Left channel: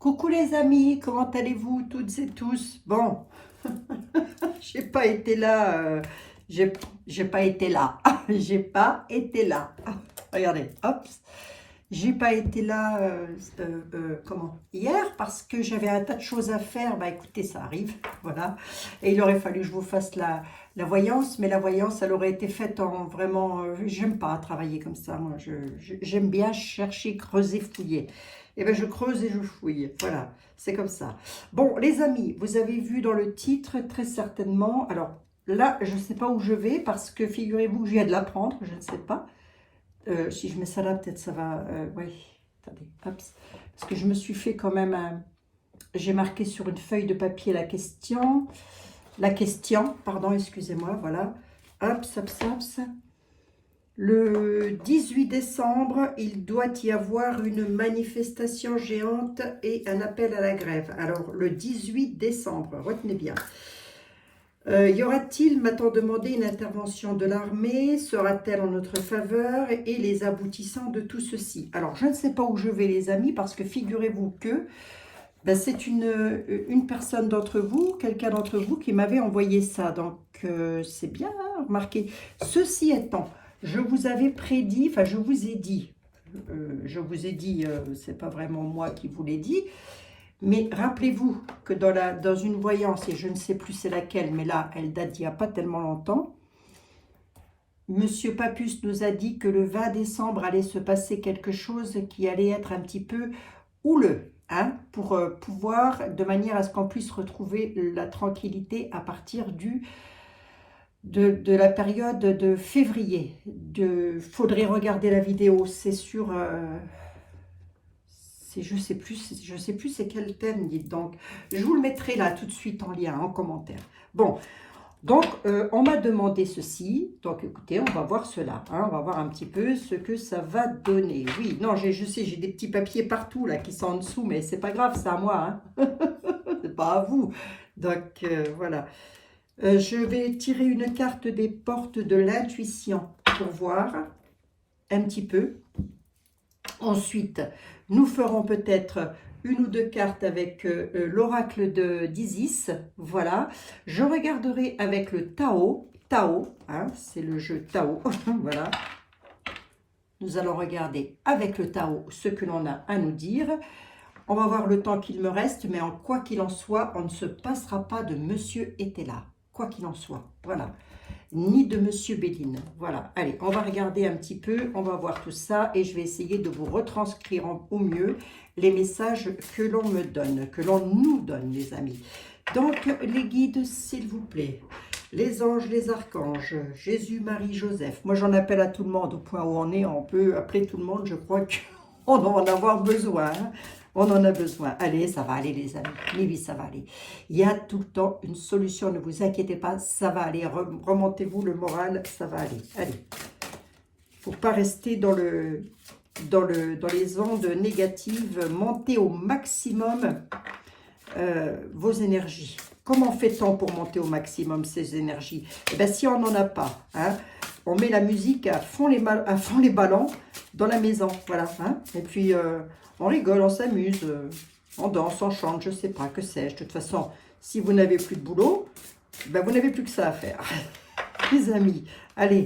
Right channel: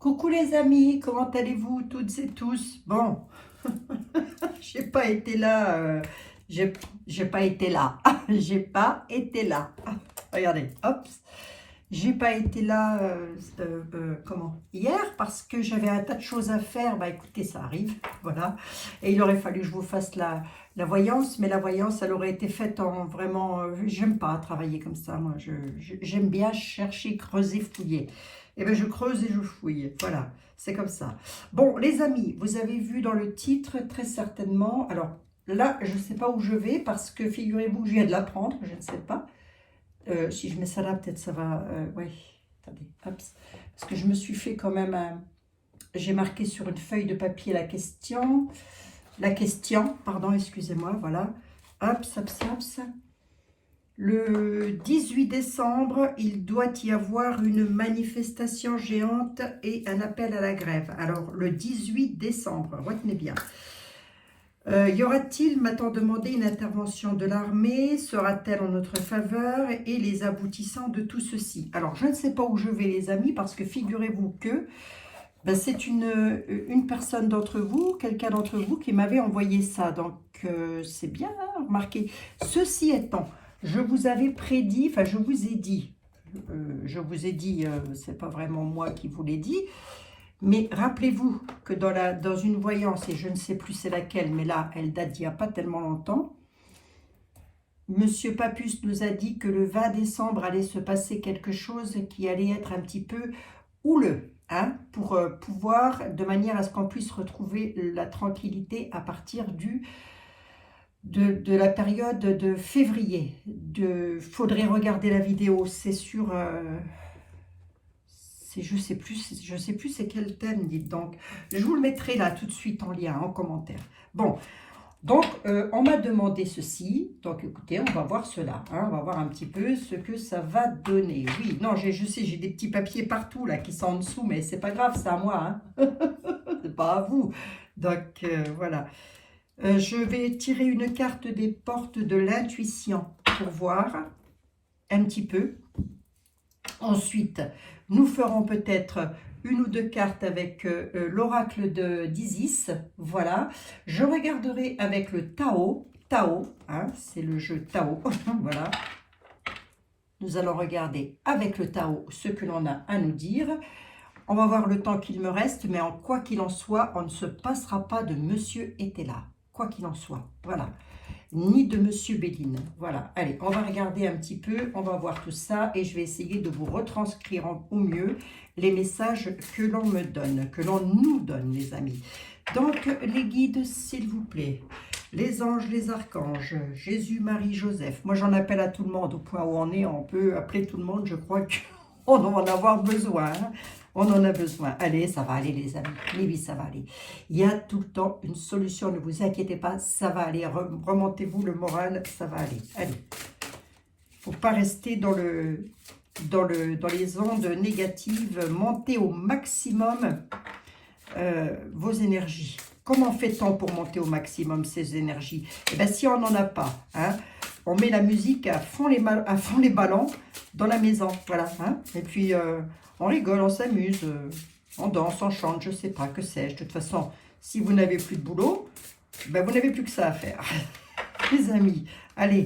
Coucou les amis, comment allez-vous toutes et tous? Bon, j'ai pas été là, j'ai pas été là, j'ai pas été là. Regardez, hop, j'ai pas été là, comment, hier parce que j'avais un tas de choses à faire. Bah écoutez, ça arrive, voilà. Et il aurait fallu que je vous fasse la voyance, mais la voyance, elle aurait été faite en vraiment, j'aime pas travailler comme ça, moi, j'aime bien chercher, creuser, fouiller. Et bien je creuse et je fouille, voilà, c'est comme ça. Bon, les amis, vous avez vu dans le titre, très certainement, alors là, je ne sais pas où je vais, parce que figurez-vous que je viens de l'apprendre, je ne sais pas. Si je mets ça là, peut-être ça va, ouais, attendez, hop, parce que je me suis fait quand même un, j'ai marqué sur une feuille de papier la question, pardon, excusez-moi, voilà, hop, hop, hop. Le 18 décembre, il doit y avoir une manifestation géante et un appel à la grève. Alors, le 18 décembre, retenez bien. Y aura-t-il, m'a-t-on demandé, une intervention de l'armée? Sera-t-elle en notre faveur? Et les aboutissants de tout ceci? Alors, je ne sais pas où je vais, les amis, parce que figurez-vous que ben, c'est une personne d'entre vous, quelqu'un d'entre vous qui m'avait envoyé ça. Donc, c'est bien, hein, remarquez. Ceci étant, je vous avais prédit, enfin, je vous ai dit, c'est pas vraiment moi qui vous l'ai dit, mais rappelez-vous que dans une voyance, et je ne sais plus c'est laquelle, mais là, elle date d'il n'y a pas tellement longtemps, Monsieur Papus nous a dit que le 20 décembre allait se passer quelque chose qui allait être un petit peu houleux, hein, pour pouvoir, de manière à ce qu'on puisse retrouver la tranquillité à partir de la période de février. Faudrait regarder la vidéo, c'est sur... je sais plus c'est quel thème, dites donc. Je vous le mettrai là tout de suite en lien, en commentaire. Bon, donc on m'a demandé ceci. Donc écoutez, on va voir cela. Hein, on va voir un petit peu ce que ça va donner. Oui, non, je sais, j'ai des petits papiers partout là qui sont en dessous, mais c'est pas grave, c'est à moi. Hein. C'est pas à vous. Donc voilà. Je vais tirer une carte des portes de l'intuition pour voir un petit peu. Ensuite, nous ferons peut-être une ou deux cartes avec l'oracle d'Isis. Voilà. Je regarderai avec le Tao. Tao, hein, c'est le jeu Tao. Voilà. Nous allons regarder avec le Tao ce que l'on a à nous dire. On va voir le temps qu'il me reste, mais en quoi qu'il en soit, on ne se passera pas de Monsieur Etela. Quoi qu'il en soit. Voilà. Ni de Monsieur Béline. Voilà, allez, on va regarder un petit peu, on va voir tout ça et je vais essayer de vous retranscrire au mieux les messages que l'on me donne, que l'on nous donne, les amis. Donc, les guides, s'il vous plaît, les anges, les archanges, Jésus, Marie, Joseph. Moi, j'en appelle à tout le monde, au point où on est, on peut appeler tout le monde, je crois qu'on va en avoir besoin, hein. On en a besoin. Allez, ça va aller, les amis. Oui, ça va aller. Il y a tout le temps une solution. Ne vous inquiétez pas, ça va aller. Remontez-vous le moral, ça va aller. Allez. Il ne faut pas rester dans les ondes négatives. Montez au maximum vos énergies. Comment fait-on pour monter au maximum ces énergies? Eh bien, si on n'en a pas, hein, on met la musique à fond les ballons dans la maison. Voilà. Hein, et puis... on rigole, on s'amuse, on danse, on chante, je ne sais pas, que sais-je. De toute façon, si vous n'avez plus de boulot, ben vous n'avez plus que ça à faire. Les amis, allez.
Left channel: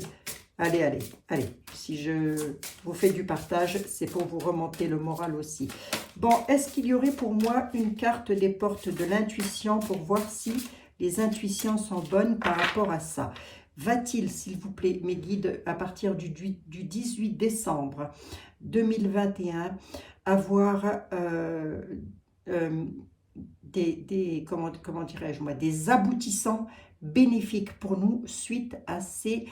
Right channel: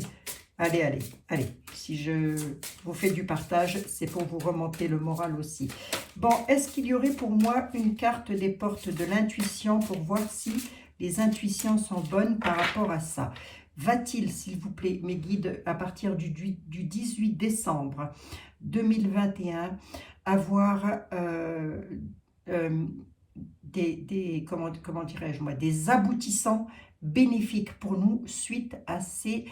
Si je vous fais du partage, c'est pour vous remonter le moral aussi. Bon, est-ce qu'il y aurait pour moi une carte des portes de l'intuition pour voir si les intuitions sont bonnes par rapport à ça? Va-t-il, s'il vous plaît, mes guides, à partir du 18 décembre 2021, avoir comment dirais-je moi, des aboutissants bénéfiques pour nous suite à ces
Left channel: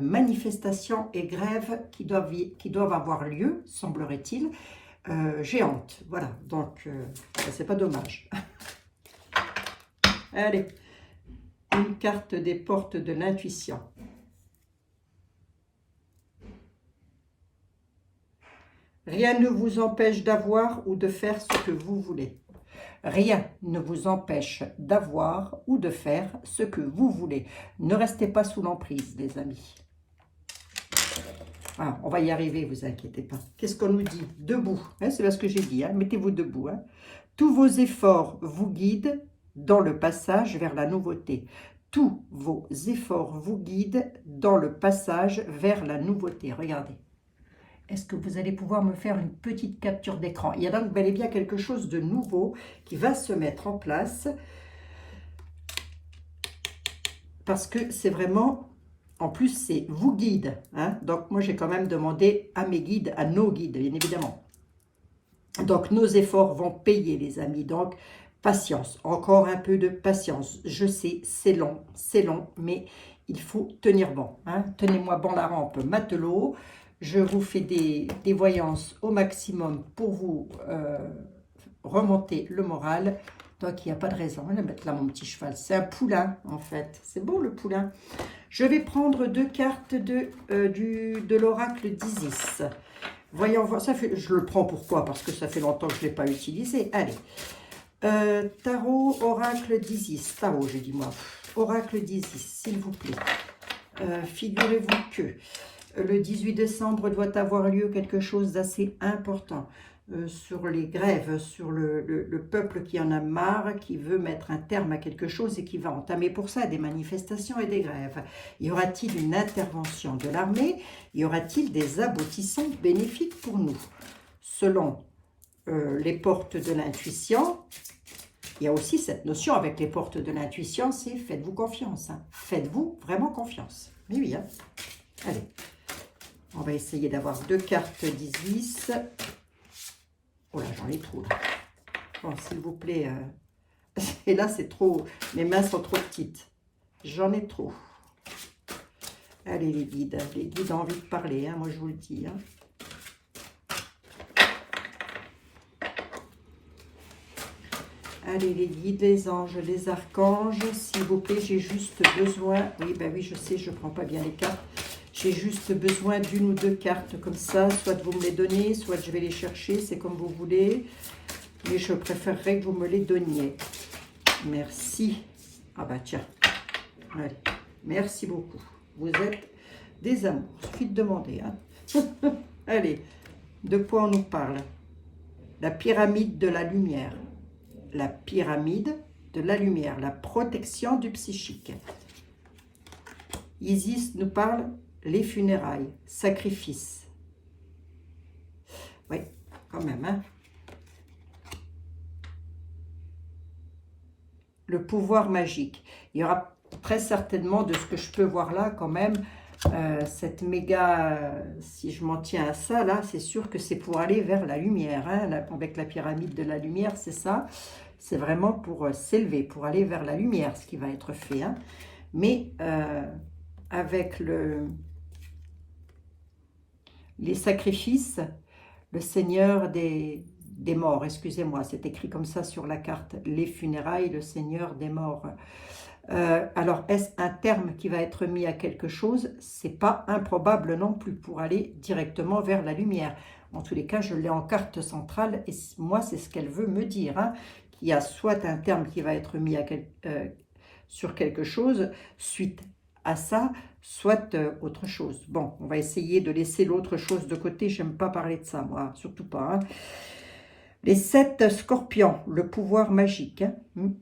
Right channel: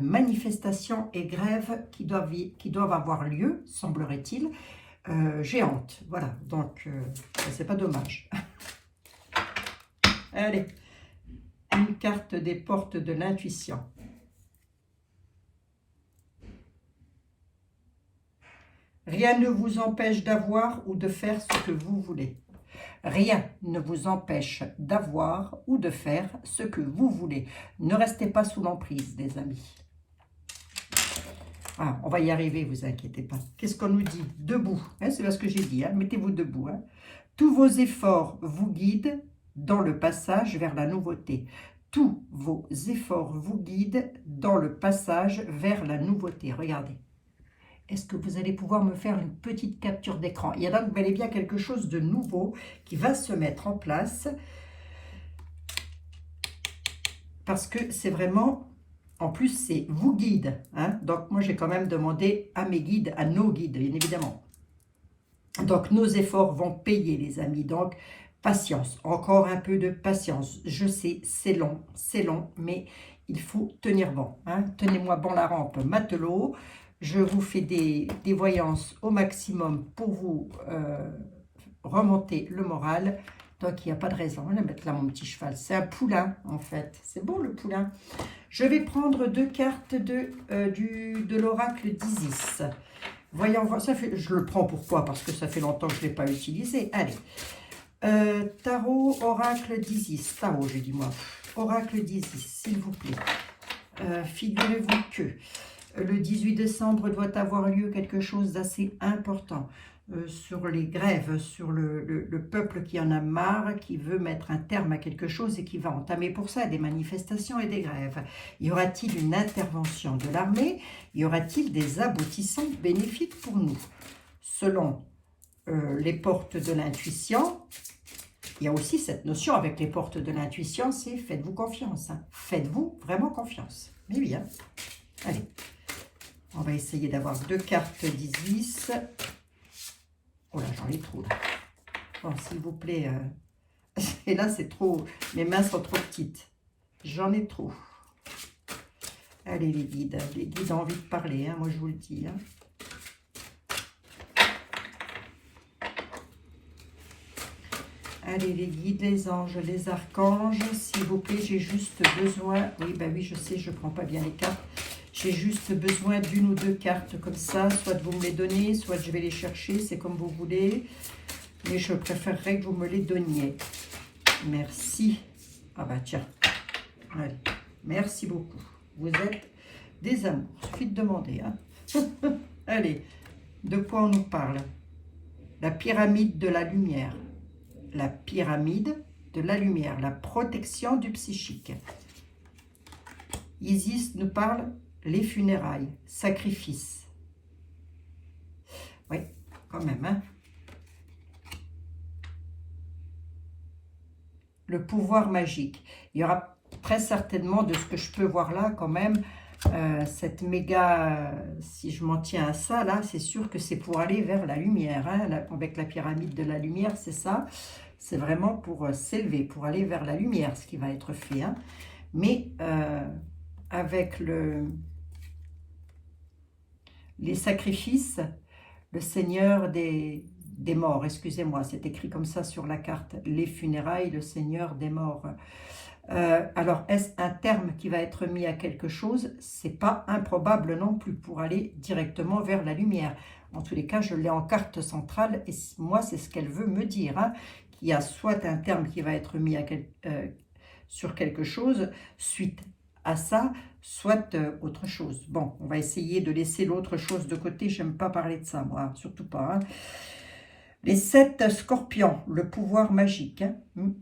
manifestations et grèves qui doivent avoir lieu, semblerait-il, géantes. Voilà, donc c'est pas dommage. Allez, une carte des portes de l'intuition. Rien ne vous empêche d'avoir ou de faire ce que vous voulez. Rien ne vous empêche d'avoir ou de faire ce que vous voulez. Ne restez pas sous l'emprise, les amis. Ah, on va y arriver, vous inquiétez pas. Qu'est-ce qu'on nous dit? Debout, hein, c'est ce que j'ai dit, hein. Mettez-vous debout. Hein. Tous vos efforts vous guident dans le passage vers la nouveauté. Tous vos efforts vous guident dans le passage vers la nouveauté. Regardez. Est-ce que vous allez pouvoir me faire une petite capture d'écran? Il y a donc bel et bien quelque chose de nouveau qui va se mettre en place. Parce que c'est vraiment, en plus c'est vous guide. Hein? Donc moi j'ai quand même demandé à mes guides, à nos guides bien évidemment. Donc nos efforts vont payer les amis. Donc patience, encore un peu de patience. Je sais, c'est long, mais il faut tenir bon. Hein? Tenez-moi bon la rampe, matelot. Je vous fais des voyances au maximum pour vous remonter le moral. Donc, il n'y a pas de raison. On va mettre là mon petit cheval. C'est un poulain, en fait. C'est beau, le poulain. Je vais prendre 2 cartes de l'oracle d'Isis. Voyons voir. Ça fait, je le prends pourquoi? Parce que ça fait longtemps que je ne l'ai pas utilisé. Allez. Tarot, oracle d'Isis. Tarot, j'ai dit moi. Oracle d'Isis, s'il vous plaît. Figurez-vous que le 18 décembre doit avoir lieu quelque chose d'assez important sur les grèves, sur le peuple qui en a marre, qui veut mettre un terme à quelque chose et qui va entamer pour ça des manifestations et des grèves. Y aura-t-il une intervention de l'armée? Y aura-t-il des aboutissants bénéfiques pour nous? Selon les portes de l'intuition, il y a aussi cette notion avec les portes de l'intuition, c'est faites-vous confiance. Hein. Faites-vous vraiment confiance. Mais oui, hein. Allez. On va essayer d'avoir 2 cartes d'Isis. Oh là, j'en ai trop là. Bon, s'il vous plaît. Et là, c'est trop. Mes mains sont trop petites. J'en ai trop. Allez, les guides. Les guides ont envie de parler, hein, moi je vous le dis. Hein. Allez, les guides, les anges, les archanges. S'il vous plaît, j'ai juste besoin. Oui, ben oui, je sais, je ne prends pas bien les cartes. J'ai juste besoin d'une ou 2 cartes comme ça, soit vous me les donnez, soit je vais les chercher, c'est comme vous voulez. Mais je préférerais que vous me les donniez. Merci. Ah bah tiens. Allez. Merci beaucoup. Vous êtes des amours. Il suffit de demander. Hein. Allez. De quoi on nous parle? La pyramide de la lumière. La pyramide de la lumière. La protection du psychique. Isis nous parle les funérailles, sacrifice. Oui, quand même. Hein. Le pouvoir magique. Il y aura très certainement, de ce que je peux voir là, quand même, cette méga, si je m'en tiens à ça, là, c'est sûr que c'est pour aller vers la lumière. Hein, avec la pyramide de la lumière, c'est ça. C'est vraiment pour s'élever, pour aller vers la lumière, ce qui va être fait. Hein. Mais avec les sacrifices, le Seigneur des morts, excusez-moi, c'est écrit comme ça sur la carte, les funérailles, le Seigneur des morts. Alors, est-ce un terme qui va être mis à quelque chose? C'est pas improbable non plus pour aller directement vers la lumière. En tous les cas, je l'ai en carte centrale et moi, c'est ce qu'elle veut me dire, hein, qu'il y a soit un terme qui va être mis sur quelque chose suite à ça, soit autre chose. Bon, on va essayer de laisser l'autre chose de côté. J'aime pas parler de ça, moi, surtout pas. Hein. Les 7 scorpions, le pouvoir magique. Hein.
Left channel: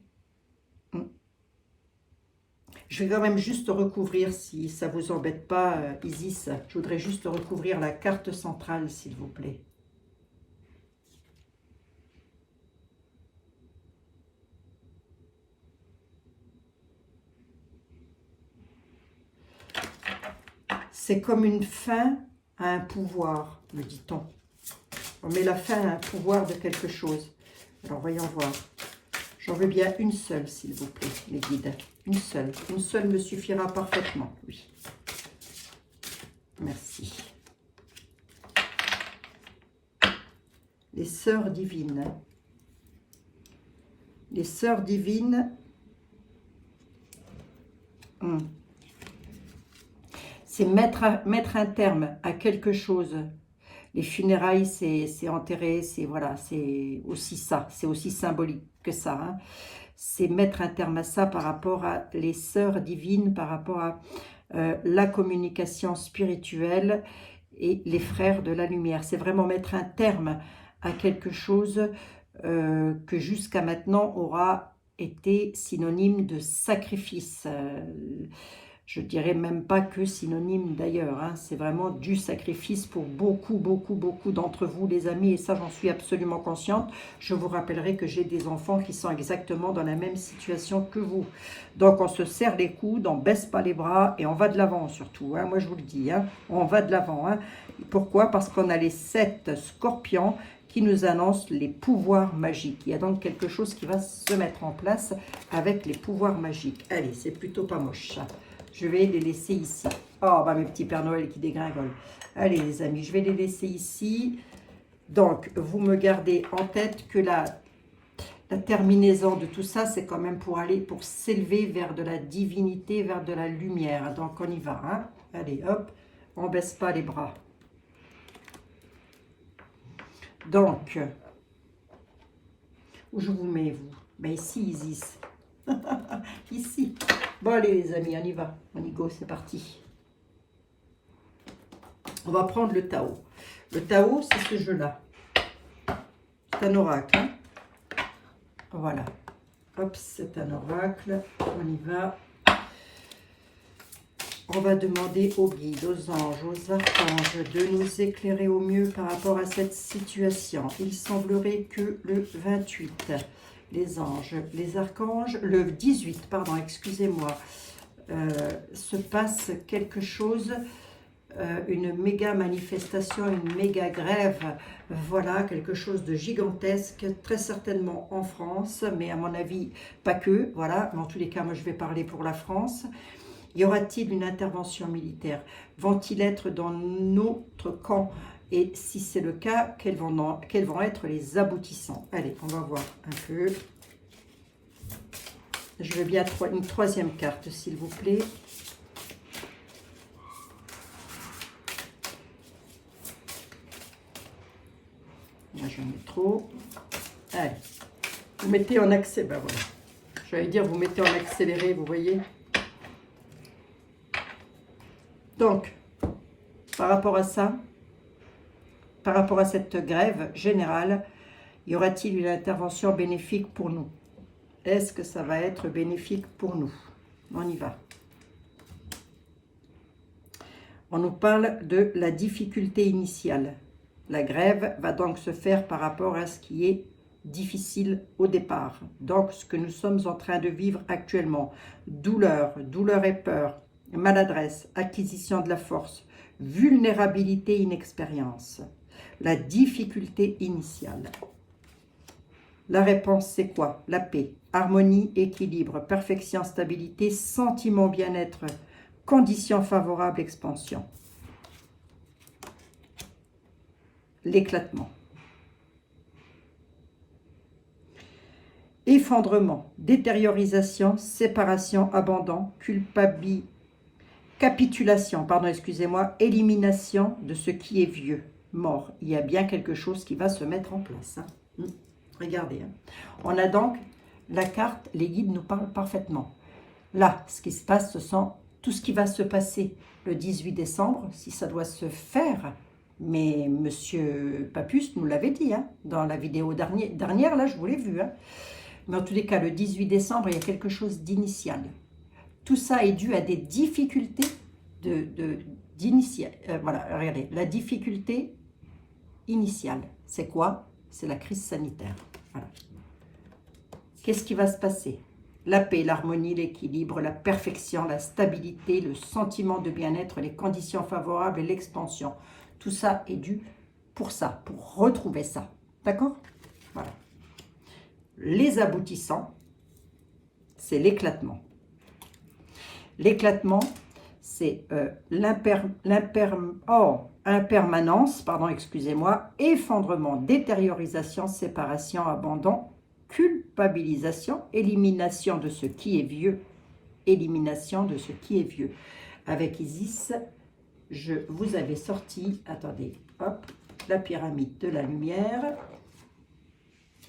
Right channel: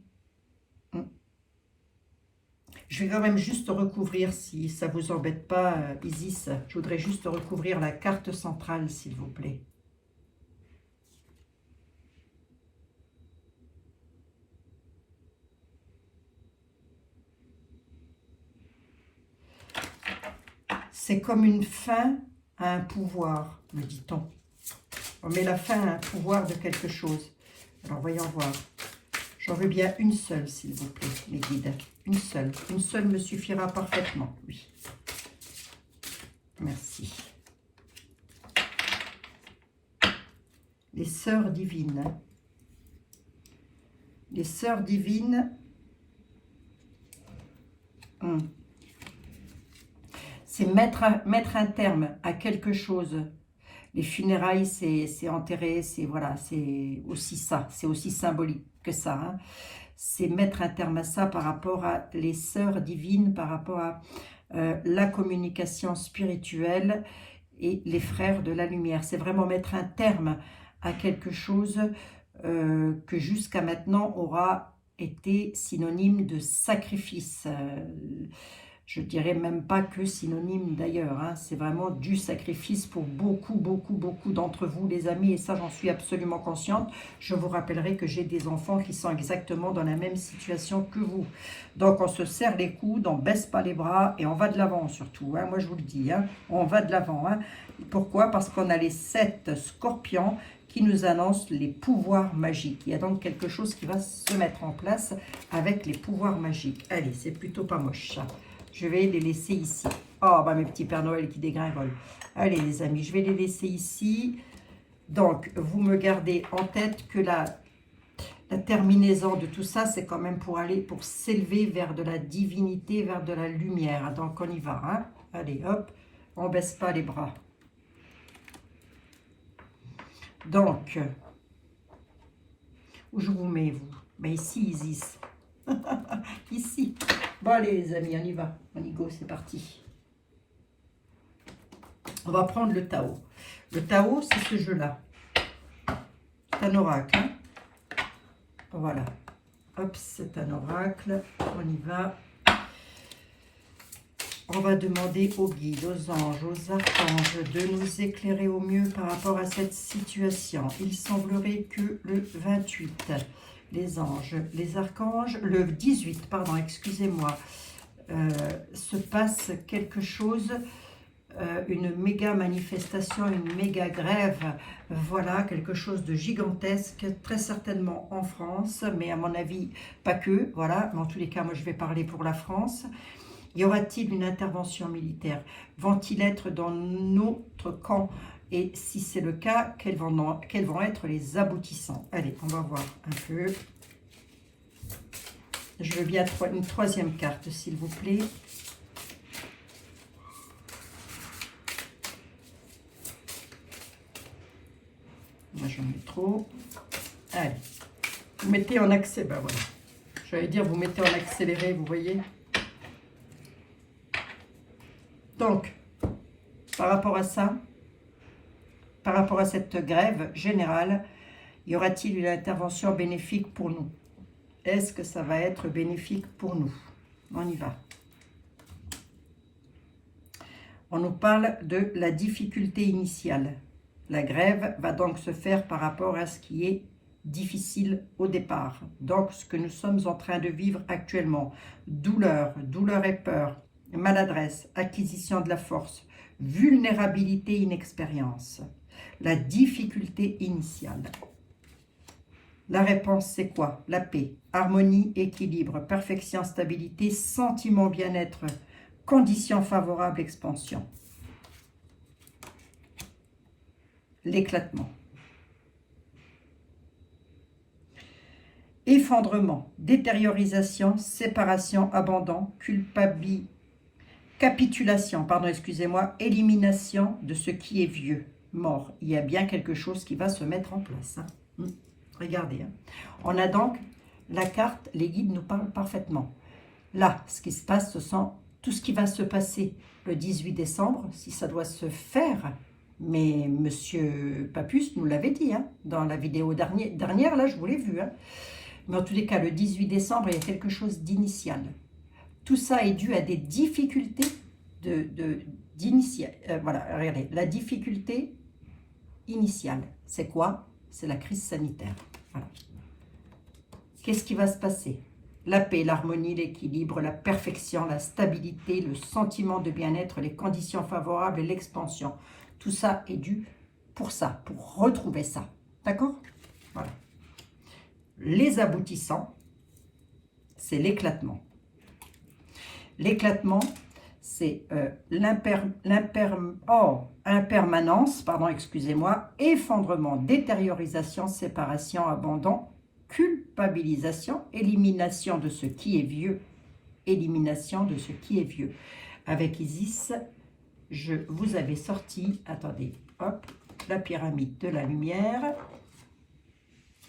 Je vais quand même juste recouvrir, si ça vous embête pas, Isis. Je voudrais juste recouvrir la carte centrale, s'il vous plaît. C'est comme une fin à un pouvoir, me dit-on. On met la fin à un pouvoir de quelque chose. Alors, voyons voir. J'en veux bien une seule, s'il vous plaît, mes guides. Une seule. Une seule me suffira parfaitement, oui. Merci. Les sœurs divines. Les sœurs divines. C'est mettre un terme à quelque chose. Les funérailles, c'est enterrer, c'est voilà, c'est aussi ça, c'est aussi symbolique que ça. Hein. C'est mettre un terme à ça par rapport à les sœurs divines, par rapport à la communication spirituelle et les frères de la lumière. C'est vraiment mettre un terme à quelque chose que jusqu'à maintenant aura été synonyme de sacrifice. Je dirais même pas que synonyme d'ailleurs, hein. C'est vraiment du sacrifice pour beaucoup, beaucoup, beaucoup d'entre vous les amis, et ça j'en suis absolument consciente. Je vous rappellerai que j'ai des enfants qui sont exactement dans la même situation que vous. Donc on se serre les coudes, on baisse pas les bras et on va de l'avant surtout, hein. Moi je vous le dis, hein, on va de l'avant, hein. Pourquoi? Parce qu'on a les 7 scorpions qui nous annoncent les pouvoirs magiques. Il y a donc quelque chose qui va se mettre en place avec les pouvoirs magiques. Allez, c'est plutôt pas moche ça. Je vais les laisser ici. Oh, bah mes petits Pères Noël qui dégringolent. Allez les amis, je vais les laisser ici. Donc, vous me gardez en tête que la terminaison de tout ça, c'est quand même pour aller, pour s'élever vers de la divinité, vers de la lumière. Donc, on y va. Hein. Allez, hop, on baisse pas les bras. Donc, où je vous mets, vous? Ben ici, Isis. Ici. Bon, allez les amis, on y va. On y go, c'est parti. On va prendre le Tao. Le Tao, c'est ce jeu-là. C'est un oracle. Hein. Voilà. Hop, c'est un oracle. On y va. On va demander aux guides, aux anges, aux archanges de nous éclairer au mieux par rapport à cette situation. Il semblerait que le 28, les anges, les archanges, le 18, pardon, excusez-moi, se passe quelque chose, une méga manifestation, une méga grève, voilà, quelque chose de gigantesque, très certainement en France, mais à mon avis, pas que, voilà, mais en tous les cas, moi je vais parler pour la France. Y aura-t-il une intervention militaire? Vont-ils être dans notre camp? Et si c'est le cas, quels vont être les aboutissants? Allez, on va voir un peu. Je veux bien une troisième carte, s'il vous plaît. Là, j'en mets trop. Allez, vous mettez en accéléré. Ben voilà. J'allais dire, vous mettez en accéléré, vous voyez. Donc, par rapport à ça, par rapport à cette grève générale, y aura-t-il une intervention bénéfique pour nous? Est-ce que ça va être bénéfique pour nous? On y va. On nous parle de la difficulté initiale. La grève va donc se faire par rapport à ce qui est difficile au départ. Donc, ce que nous sommes en train de vivre actuellement. Douleur, douleur et peur, maladresse, acquisition de la force, vulnérabilité, inexpérience. La difficulté initiale. La réponse, c'est quoi? La paix, harmonie, équilibre, perfection, stabilité, sentiment, bien-être, conditions favorables, expansion. L'éclatement. Effondrement, détériorisation, séparation, abandon, capitulation, pardon, excusez-moi, élimination de ce qui est vieux, mort. Il y a bien quelque chose qui va se mettre en place. Hein. Regardez. Hein. On a donc la carte, les guides nous parlent parfaitement. Là, ce qui se passe, ce sont tout ce qui va se passer le 18 décembre, si ça doit se faire. Mais Monsieur Papus nous l'avait dit, hein, dans la vidéo dernière, là, je vous l'ai vu. Hein. Mais en tous les cas, le 18 décembre, il y a quelque chose d'initial. Tout ça est dû à des difficultés d'initial. Voilà, regardez, la difficulté initiale, c'est quoi? C'est la crise sanitaire. Voilà. Qu'est-ce qui va se passer? La paix, l'harmonie, l'équilibre, la perfection, la stabilité, le sentiment de bien-être, les conditions favorables et l'expansion. Tout ça est dû pour ça, pour retrouver ça. D'accord? Voilà. Les aboutissants, c'est l'éclatement. L'éclatement, c'est impermanence, pardon, excusez-moi, effondrement, détériorisation, séparation, abandon, culpabilisation, élimination de ce qui est vieux, élimination de ce qui est vieux. Avec Isis, je vous avais sorti, attendez, hop, la pyramide de la lumière,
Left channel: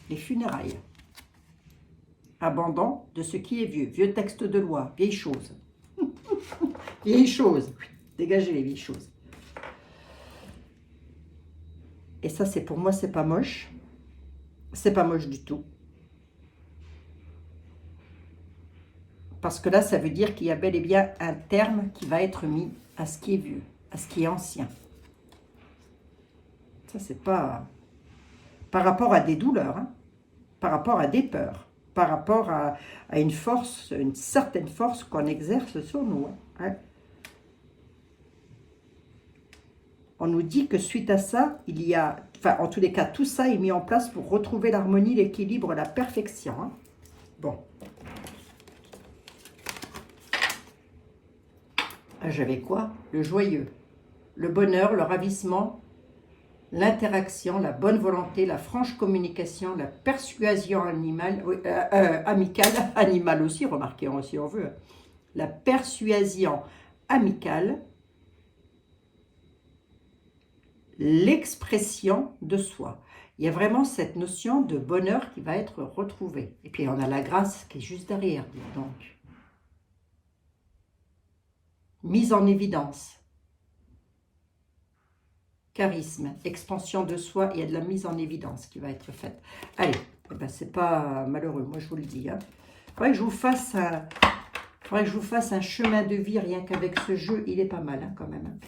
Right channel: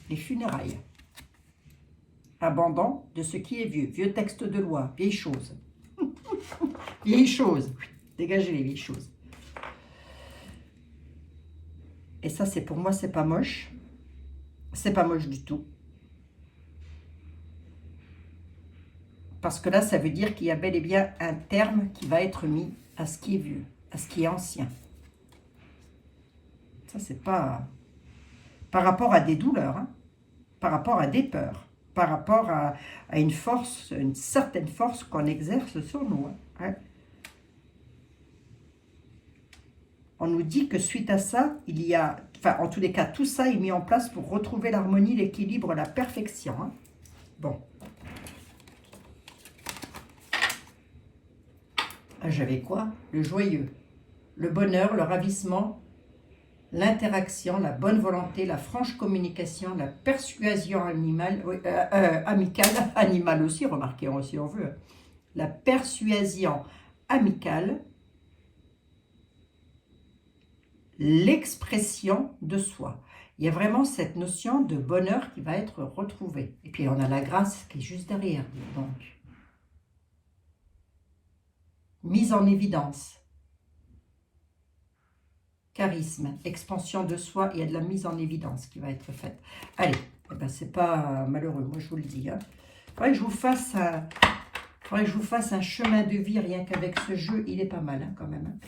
les funérailles. Abandon de ce qui est vieux, vieux texte de loi, vieilles choses. Vieilles choses, dégagez les vieilles choses. ça, c'est pour moi, c'est pas moche. C'est pas moche du tout. Parce que là, ça veut dire qu'il y a bel et bien un terme qui va être mis à ce qui est vieux, à ce qui est ancien. Ça, c'est pas... Par rapport à des douleurs, hein, par rapport à des peurs, par rapport à une force, une certaine force qu'on exerce sur nous. Hein. On nous dit que suite à ça, il y a... Enfin, en tous les cas, tout ça est mis en place pour retrouver l'harmonie, l'équilibre, la perfection. Hein. Bon. J'avais quoi? Le joyeux, le bonheur, le ravissement, l'interaction, la bonne volonté, la franche communication, la persuasion animale, amicale, animale aussi, remarquez, si on veut, la persuasion amicale, l'expression de soi. Il y a vraiment cette notion de bonheur qui va être retrouvée. Et puis on a la grâce qui est juste derrière, donc. Mise en évidence. Charisme, expansion de soi, il y a de la mise en évidence qui va être faite. Allez, eh ben, c'est pas malheureux, moi je vous le dis. Hein. Faudrait que je vous fasse un chemin de vie, rien qu'avec ce jeu, il est pas mal hein, quand même.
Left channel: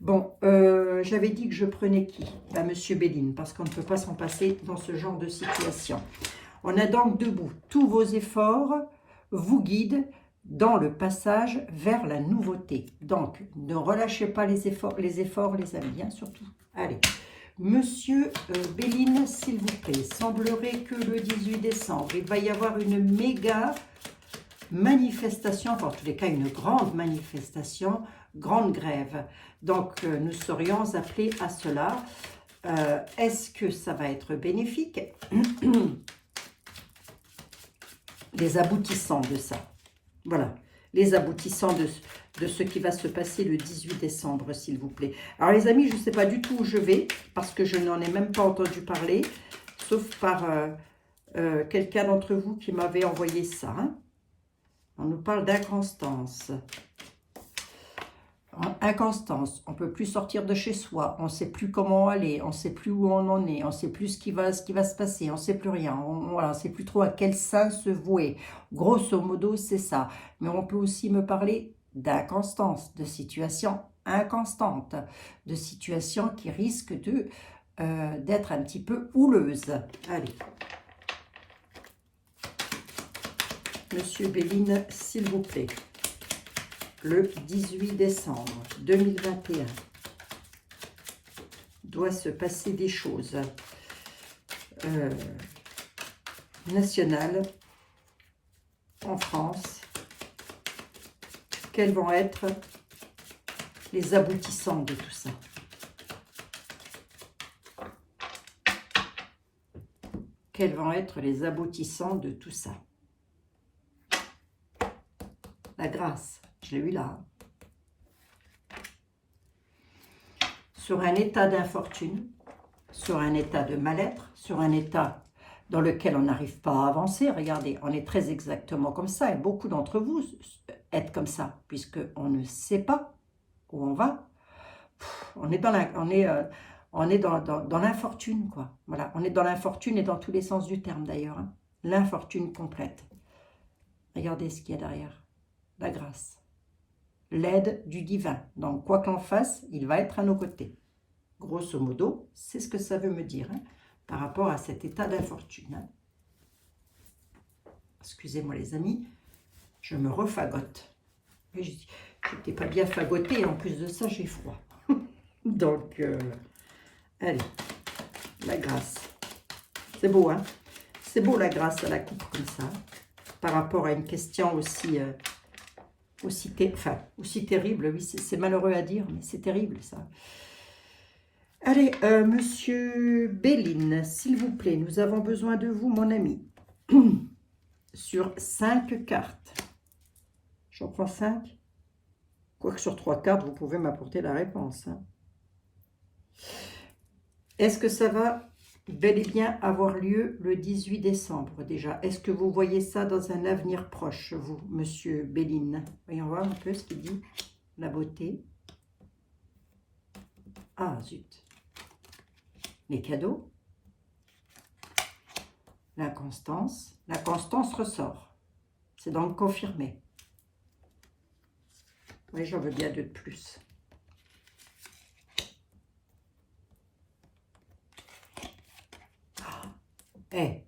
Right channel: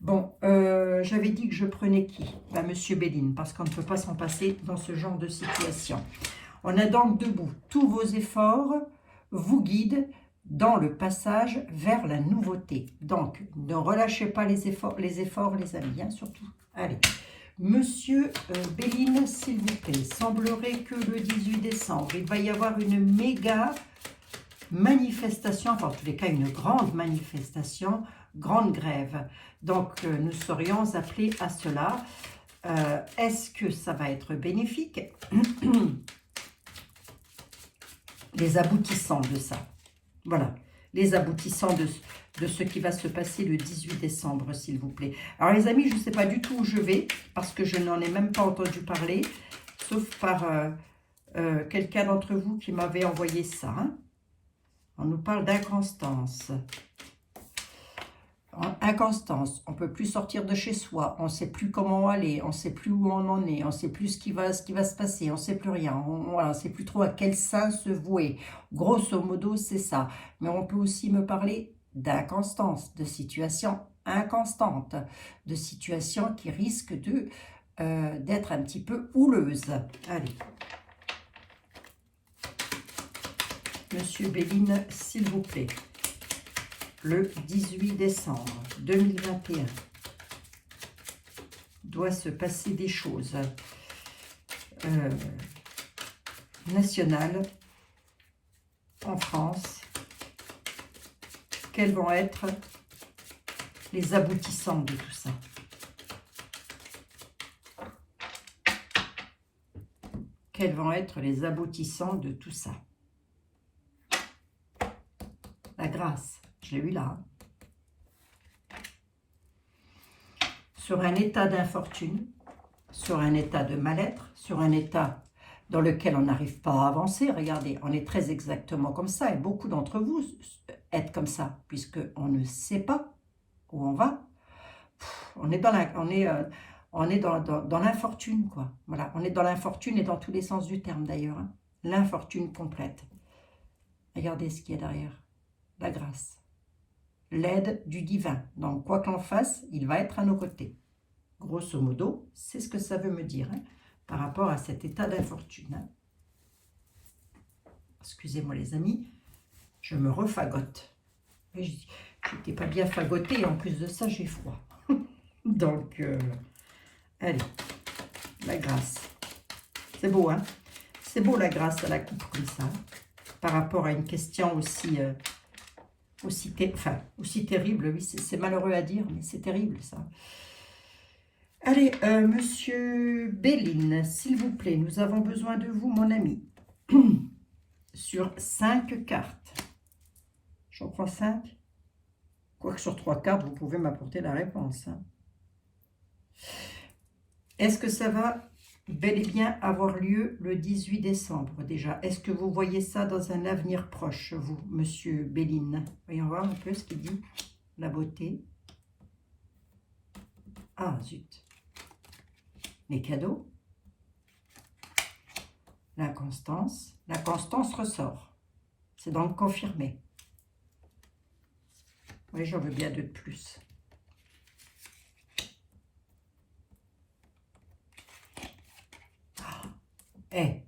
Bon, j'avais dit que je prenais qui? Ben, Monsieur Béline, parce qu'on ne peut pas s'en passer dans ce genre de situation. On a donc debout, tous vos efforts vous guident dans le passage vers la nouveauté. Donc, ne relâchez pas les efforts les amis, hein, surtout. Allez, Monsieur Béline, s'il vous plaît, semblerait que le 18 décembre, il va y avoir une méga manifestation, enfin, en tous les cas, une grande manifestation, grande grève. Donc, nous serions appelés à cela. Est-ce que ça va être bénéfique? Les aboutissants de ça. Voilà, les aboutissants de ce qui va se passer le 18 décembre, s'il vous plaît. Alors, les amis, je ne sais pas du tout où je vais, parce que je n'en ai même pas entendu parler, sauf par quelqu'un d'entre vous qui m'avait envoyé ça. Hein. On nous parle d'inconstance. Inconstance, on ne peut plus sortir de chez soi, on ne sait plus comment aller, on ne sait plus où on en est, on ne sait plus ce qui va se passer, on ne sait plus rien, on ne sait plus trop à quel sein se vouer. Grosso modo, c'est ça. Mais on peut aussi me parler d'inconstance, de situations inconstantes, de situations qui risquent d'être un petit peu houleuses. Allez. Monsieur Béline, s'il vous plaît. Le 18 décembre 2021, doit se passer des choses nationales en France. Quels vont être les aboutissants de tout ça? Quels vont être les aboutissants de tout ça? La grâce. Je l'ai eu là. Sur un état d'infortune, sur un état de mal-être, sur un état dans lequel on n'arrive pas à avancer. Regardez, on est très exactement comme ça. Et beaucoup d'entre vous êtes comme ça, puisqu'on ne sait pas où on va. On est dans l'infortune, quoi. Voilà, on est dans l'infortune et dans tous les sens du terme, d'ailleurs. Hein. L'infortune complète. Regardez ce qu'il y a derrière. La grâce. L'aide du divin. Donc, quoi qu'on fasse, il va être à nos côtés. Grosso modo, c'est ce que ça veut me dire hein, par rapport à cet état d'infortune. Hein. Excusez-moi les amis, je me refagote. Je n'étais pas bien fagotée, en plus de ça, j'ai froid. Donc, allez, la grâce. C'est beau, hein? C'est beau la grâce à la coupe comme ça, par rapport à une question aussi... aussi terrible, oui, c'est malheureux à dire, mais c'est terrible ça. Allez, Monsieur Béline, s'il vous plaît, nous avons besoin de vous, mon ami, sur 5 cartes. J'en prends 5. Quoique sur 3 cartes, vous pouvez m'apporter la réponse. Hein. Est-ce que ça va bel et bien avoir lieu le 18 décembre déjà? Est-ce que vous voyez ça dans un avenir proche, vous, Monsieur Béline? Voyons voir un peu ce qu'il dit. La beauté. Ah, zut. les cadeaux, l'inconstance. L'inconstance ressort. C'est donc confirmé. Oui, j'en veux bien deux de plus. Eh,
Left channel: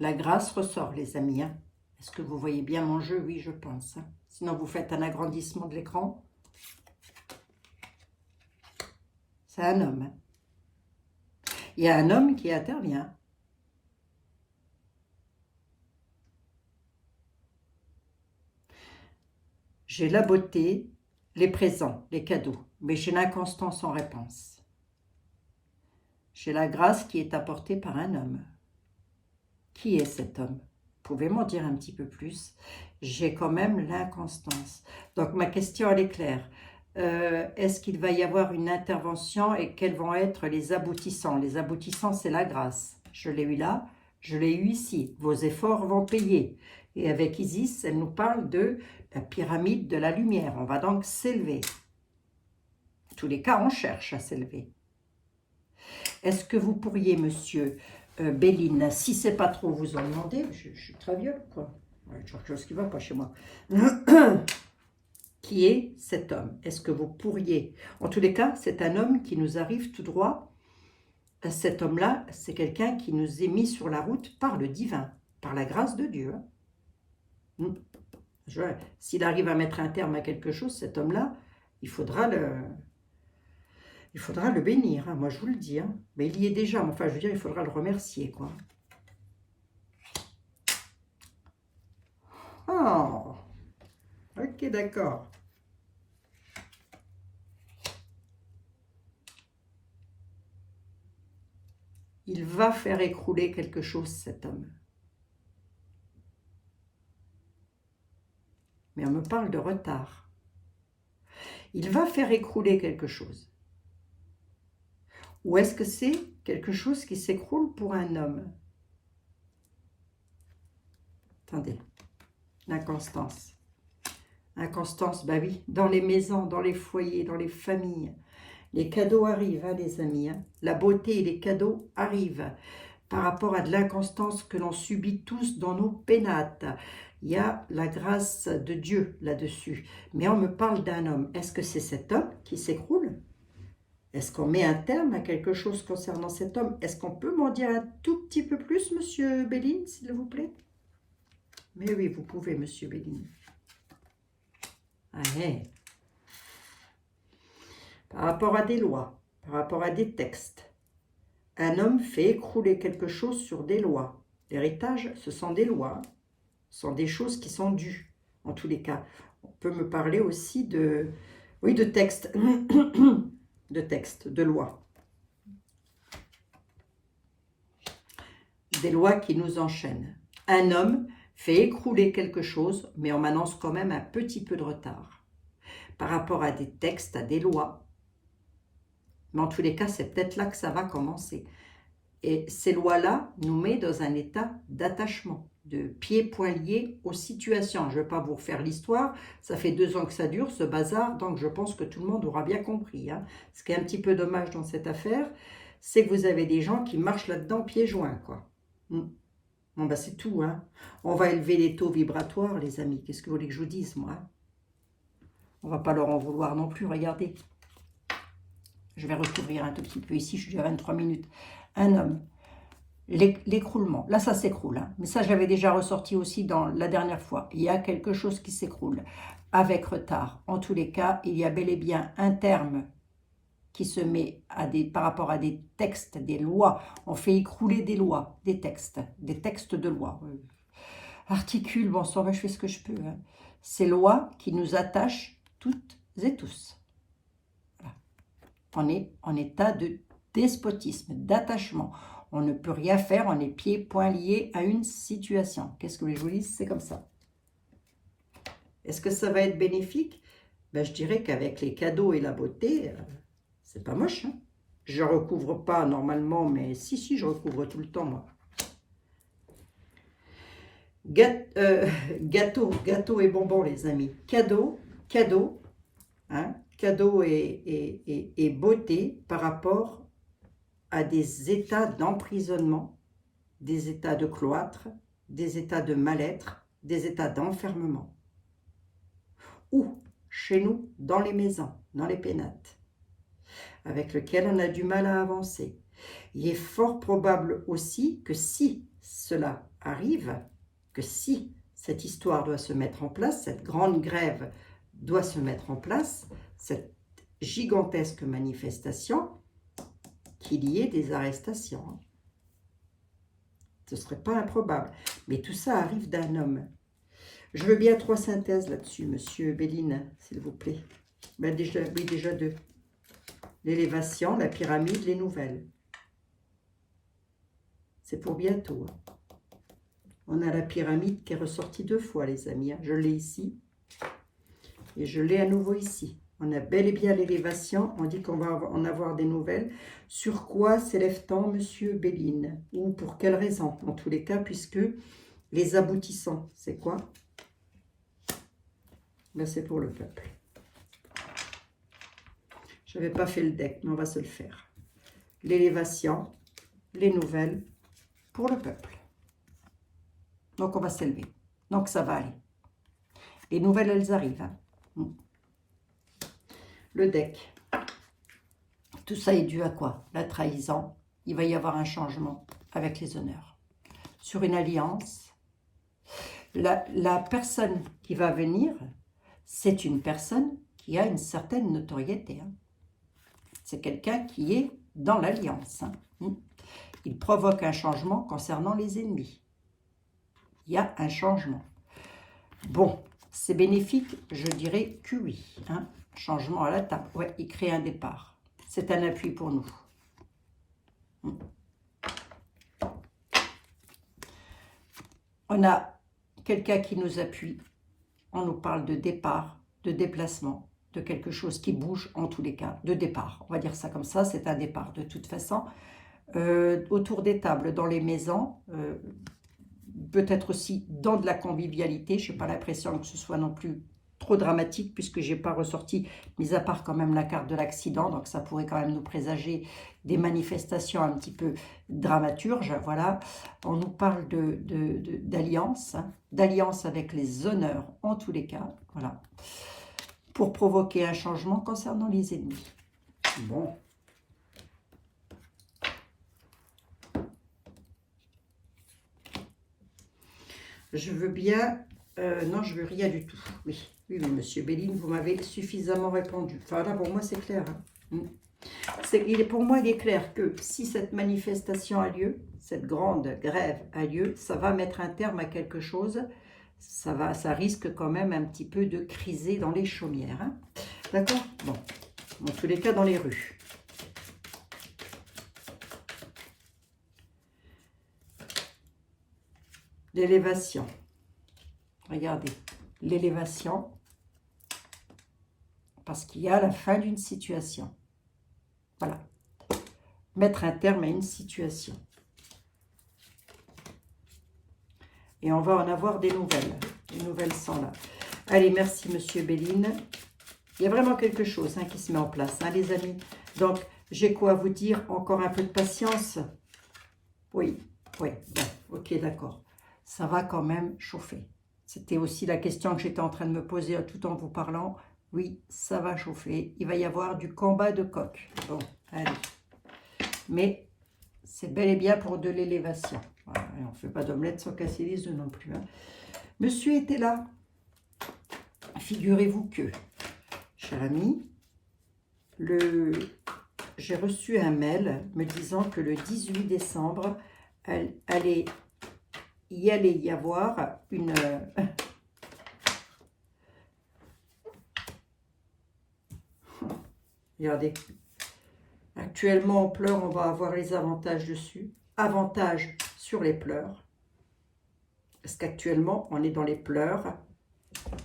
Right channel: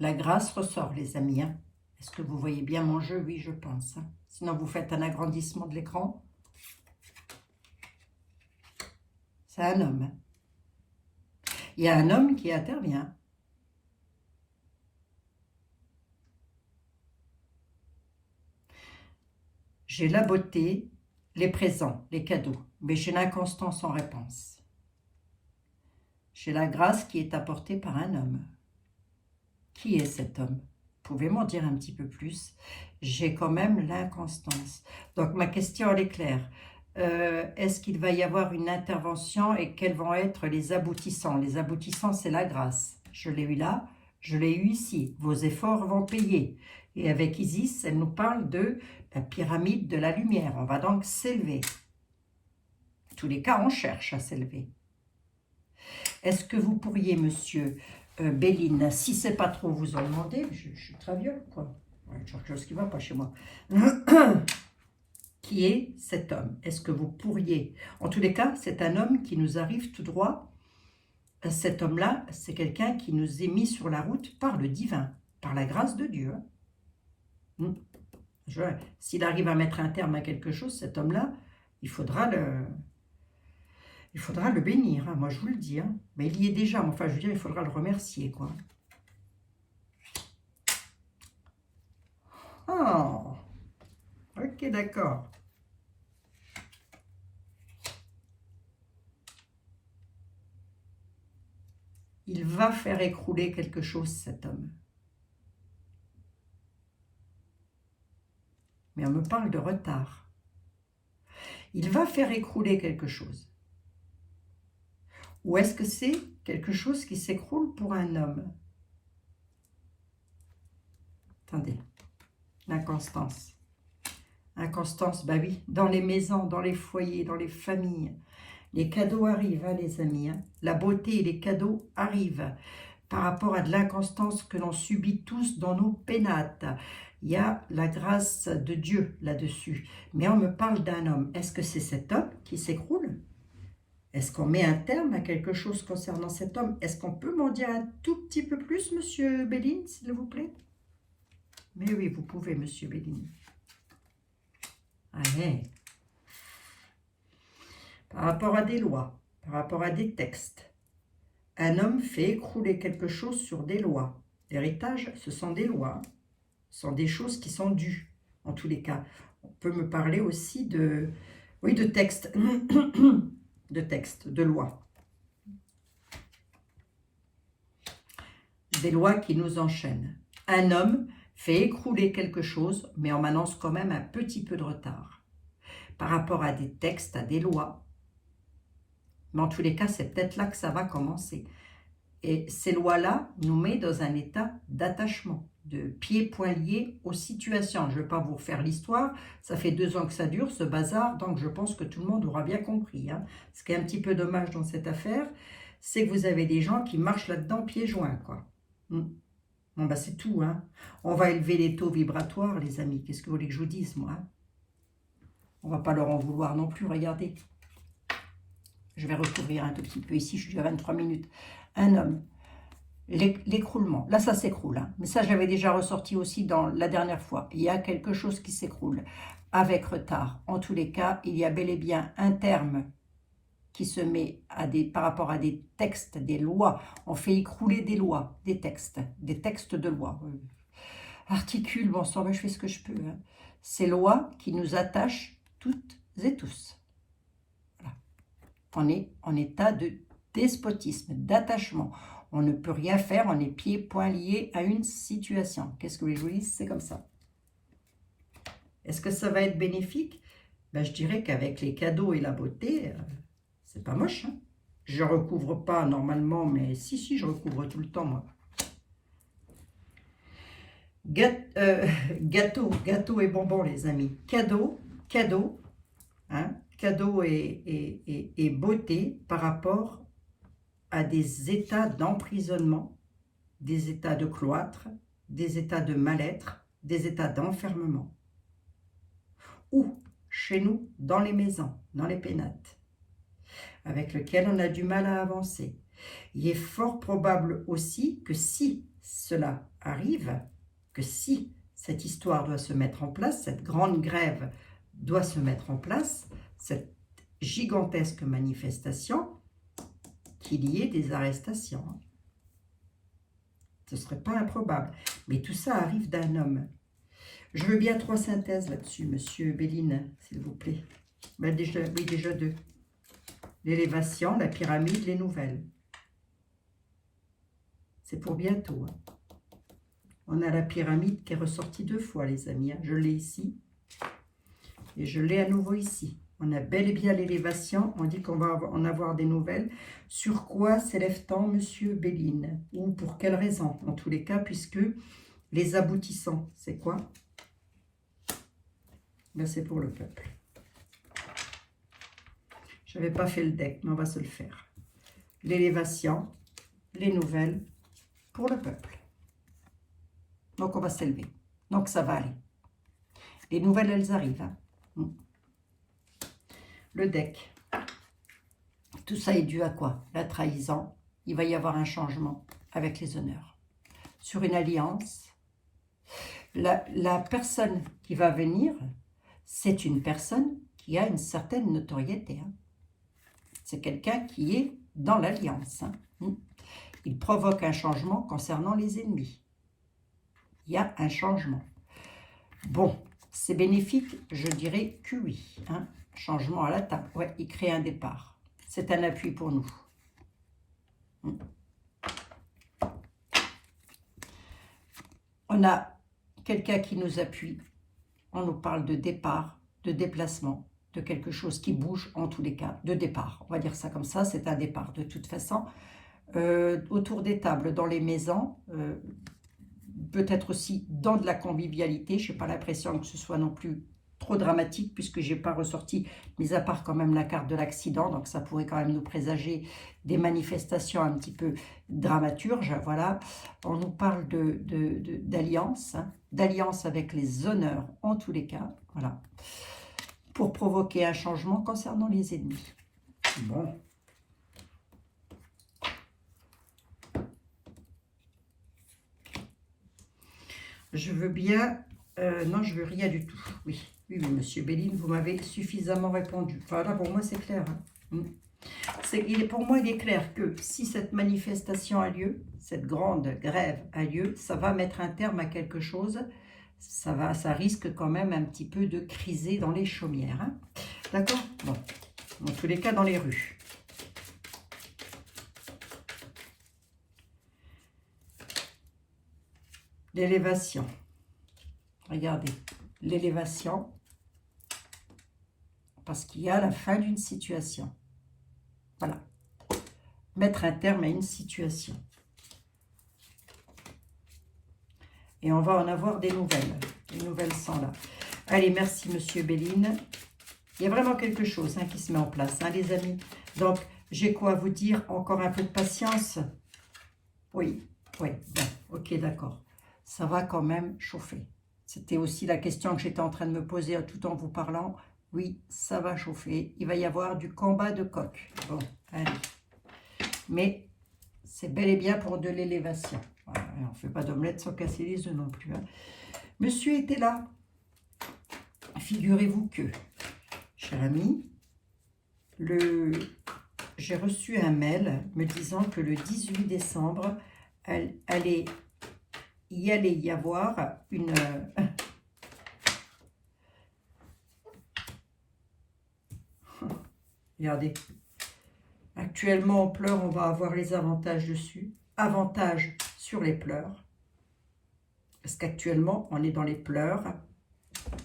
la grâce ressort, les amis. Hein. Est-ce que vous voyez bien mon jeu? Oui, je pense. Hein. Sinon, vous faites un agrandissement de l'écran. C'est un homme. Hein. Il y a un homme qui intervient. J'ai la beauté, les présents, les cadeaux, mais j'ai l'inconstance en réponse. J'ai la grâce qui est apportée par un homme. Qui est cet homme? Vous pouvez m'en dire un petit peu plus? J'ai quand même l'inconstance. Donc ma question, elle est claire. Est-ce qu'il va y avoir une intervention et quels vont être les aboutissants? Les aboutissants, c'est la grâce. Je l'ai eu là, je l'ai eu ici. Vos efforts vont payer. Et avec Isis, elle nous parle de la pyramide de la lumière. On va donc s'élever. En tous les cas, on cherche à s'élever. Est-ce que vous pourriez, monsieur Béline, si c'est pas trop vous en demander, je suis très vieux, quoi. Ouais, quelque chose qui ne va pas chez moi. Qui est cet homme? Est-ce que vous pourriez... En tous les cas, c'est un homme qui nous arrive tout droit. Cet homme-là, c'est quelqu'un qui nous est mis sur la route par le divin, par la grâce de Dieu. S'il arrive à mettre un terme à quelque chose, cet homme-là, il faudra le bénir, hein, moi je vous le dis. Hein. Mais il y est déjà, enfin je veux dire, il faudra le remercier, quoi. Oh, ok, d'accord. Il va faire écrouler quelque chose, cet homme. Mais on me parle de retard. Il va faire écrouler quelque chose. Ou est-ce que c'est quelque chose qui s'écroule pour un homme? Attendez, l'inconstance. Inconstance, bah oui, dans les maisons, dans les foyers, dans les familles. Les cadeaux arrivent, hein, les amis. Hein. La beauté et les cadeaux arrivent par rapport à de l'inconstance que l'on subit tous dans nos pénates. Il y a la grâce de Dieu là-dessus. Mais on me parle d'un homme. Est-ce que c'est cet homme qui s'écroule? Est-ce qu'on met un terme à quelque chose concernant cet homme? Est-ce qu'on peut m'en dire un tout petit peu plus, monsieur Béline, s'il vous plaît? Mais oui, vous pouvez, monsieur Béline. Allez. Par rapport à des lois, par rapport à des textes, un homme fait écrouler quelque chose sur des lois. L'héritage, ce sont des lois, ce sont des choses qui sont dues, en tous les cas. On peut me parler aussi de, oui, de textes, de lois. Des lois qui nous enchaînent. Un homme fait écrouler quelque chose, mais on m'annonce quand même un petit peu de retard. Par rapport à des textes, à des lois. Mais en tous les cas, c'est peut-être là que ça va commencer. Et ces lois-là nous mettent dans un état d'attachement, de pieds-poings liés aux situations. Je ne vais pas vous refaire l'histoire, ça fait 2 ans que ça dure, ce bazar, donc je pense que tout le monde aura bien compris. Hein. Ce qui est un petit peu dommage dans cette affaire, c'est que vous avez des gens qui marchent là-dedans pieds joints, quoi. Bon, bah c'est tout. Hein. On va élever les taux vibratoires, les amis. Qu'est-ce que vous voulez que je vous dise, moi? On ne va pas leur en vouloir non plus, regardez. Je vais recouvrir un tout petit peu ici, je suis déjà à 23 minutes. Un homme, l'écroulement. Là, ça s'écroule. Hein. Mais ça, j'avais déjà ressorti aussi dans la dernière fois. Il y a quelque chose qui s'écroule avec retard. En tous les cas, il y a bel et bien un terme qui se met par rapport à des textes, des lois. On fait écrouler des lois, des textes de loi. Articule, bon sang, je fais ce que je peux. Hein. Ces lois qui nous attachent toutes et tous. Voilà. On est en état de despotisme, d'attachement. On ne peut rien faire, on est pieds, poings liés à une situation. Qu'est-ce que je vous dis? C'est comme ça. Est-ce que ça va être bénéfique? Ben, je dirais qu'avec les cadeaux et la beauté, c'est pas moche. Hein. Je recouvre pas normalement, mais si, je recouvre tout le temps, moi. Gâteau et bonbons, les amis. Cadeau, hein, cadeau et beauté par rapport à des états d'emprisonnement, des états de cloître, des états de mal-être, des états d'enfermement. Ou chez nous, dans les maisons, dans les pénates, avec lesquels on a du mal à avancer. Il est fort probable aussi que si cela arrive, que si cette histoire doit se mettre en place, cette grande grève doit se mettre en place, cette gigantesque manifestation, qu'il y ait des arrestations. Ce ne serait pas improbable. Mais tout ça arrive d'un homme. Je veux bien 3 synthèses là-dessus, monsieur Béline, s'il vous plaît. Ben déjà, oui, déjà 2. L'élévation, la pyramide, les nouvelles. C'est pour bientôt. Hein. On a la pyramide qui est ressortie 2 fois, les amis. Hein. Je l'ai ici. Et je l'ai à nouveau ici. On a bel et bien l'élévation. On dit qu'on va en avoir des nouvelles. Sur quoi s'élève-t-on, monsieur Béline? Ou pour quelle raison? En tous les cas, puisque les aboutissants, c'est quoi? Ben, c'est pour le peuple. Je n'avais pas fait le deck, mais on va se le faire. L'élévation, les nouvelles pour le peuple. Donc, on va s'élever. Donc, ça va aller. Les nouvelles, elles arrivent. Hein. Le deck. Tout ça est dû à quoi? La trahison. Il va y avoir un changement avec les honneurs. Sur une alliance, la personne qui va venir, c'est une personne qui a une certaine notoriété. Hein. C'est quelqu'un qui est dans l'alliance. Hein. Il provoque un changement concernant les ennemis. Il y a un changement. Bon, c'est bénéfique, je dirais que oui. Hein. Changement à la table. Ouais, il crée un départ. C'est un appui pour nous. On a quelqu'un qui nous appuie. On nous parle de départ, de déplacement, de quelque chose qui bouge en tous les cas, de départ. On va dire ça comme ça, c'est un départ de toute façon. Autour des tables, dans les maisons, peut-être aussi dans de la convivialité. Je n'ai pas l'impression que ce soit non plus trop dramatique puisque je n'ai pas ressorti, mis à part quand même la carte de l'accident, donc ça pourrait quand même nous présager des manifestations un petit peu dramaturges. Voilà, on nous parle d'alliance, hein, d'alliance avec les honneurs en tous les cas, voilà, pour provoquer un changement concernant les ennemis. Bon. Je veux bien... non, je veux rien du tout. Oui, oui, monsieur Béline, vous m'avez suffisamment répondu. Enfin, là, pour moi, c'est clair. Hein. Pour moi, il est clair que si cette manifestation a lieu, cette grande grève a lieu, ça va mettre un terme à quelque chose. Ça risque quand même un petit peu de criser dans les chaumières. Hein. D'accord? Bon, en tous les cas, dans les rues. L'élévation. Regardez, l'élévation, parce qu'il y a la fin d'une situation. Voilà. Mettre un terme à une situation. Et on va en avoir des nouvelles. Les nouvelles sont là. Allez, merci, monsieur Béline. Il y a vraiment quelque chose hein, qui se met en place, hein, les amis. Donc, j'ai quoi à vous dire? Encore un peu de patience? Oui, oui, bon, ok, d'accord. Ça va quand même chauffer. C'était aussi la question que j'étais en train de me poser tout en vous parlant. Oui, ça va chauffer. Il va y avoir du combat de coq. Bon, allez. Mais c'est bel et bien pour de l'élévation. Voilà, on ne fait pas d'omelette sans casser les œufs non plus. Hein. Monsieur était là. Figurez-vous que, cher ami, j'ai reçu un mail me disant que le 18 décembre, allait y avoir une... Regardez. Actuellement, en pleurs, on va avoir les avantages dessus. Avantages sur les pleurs. Parce qu'actuellement, on est dans les pleurs.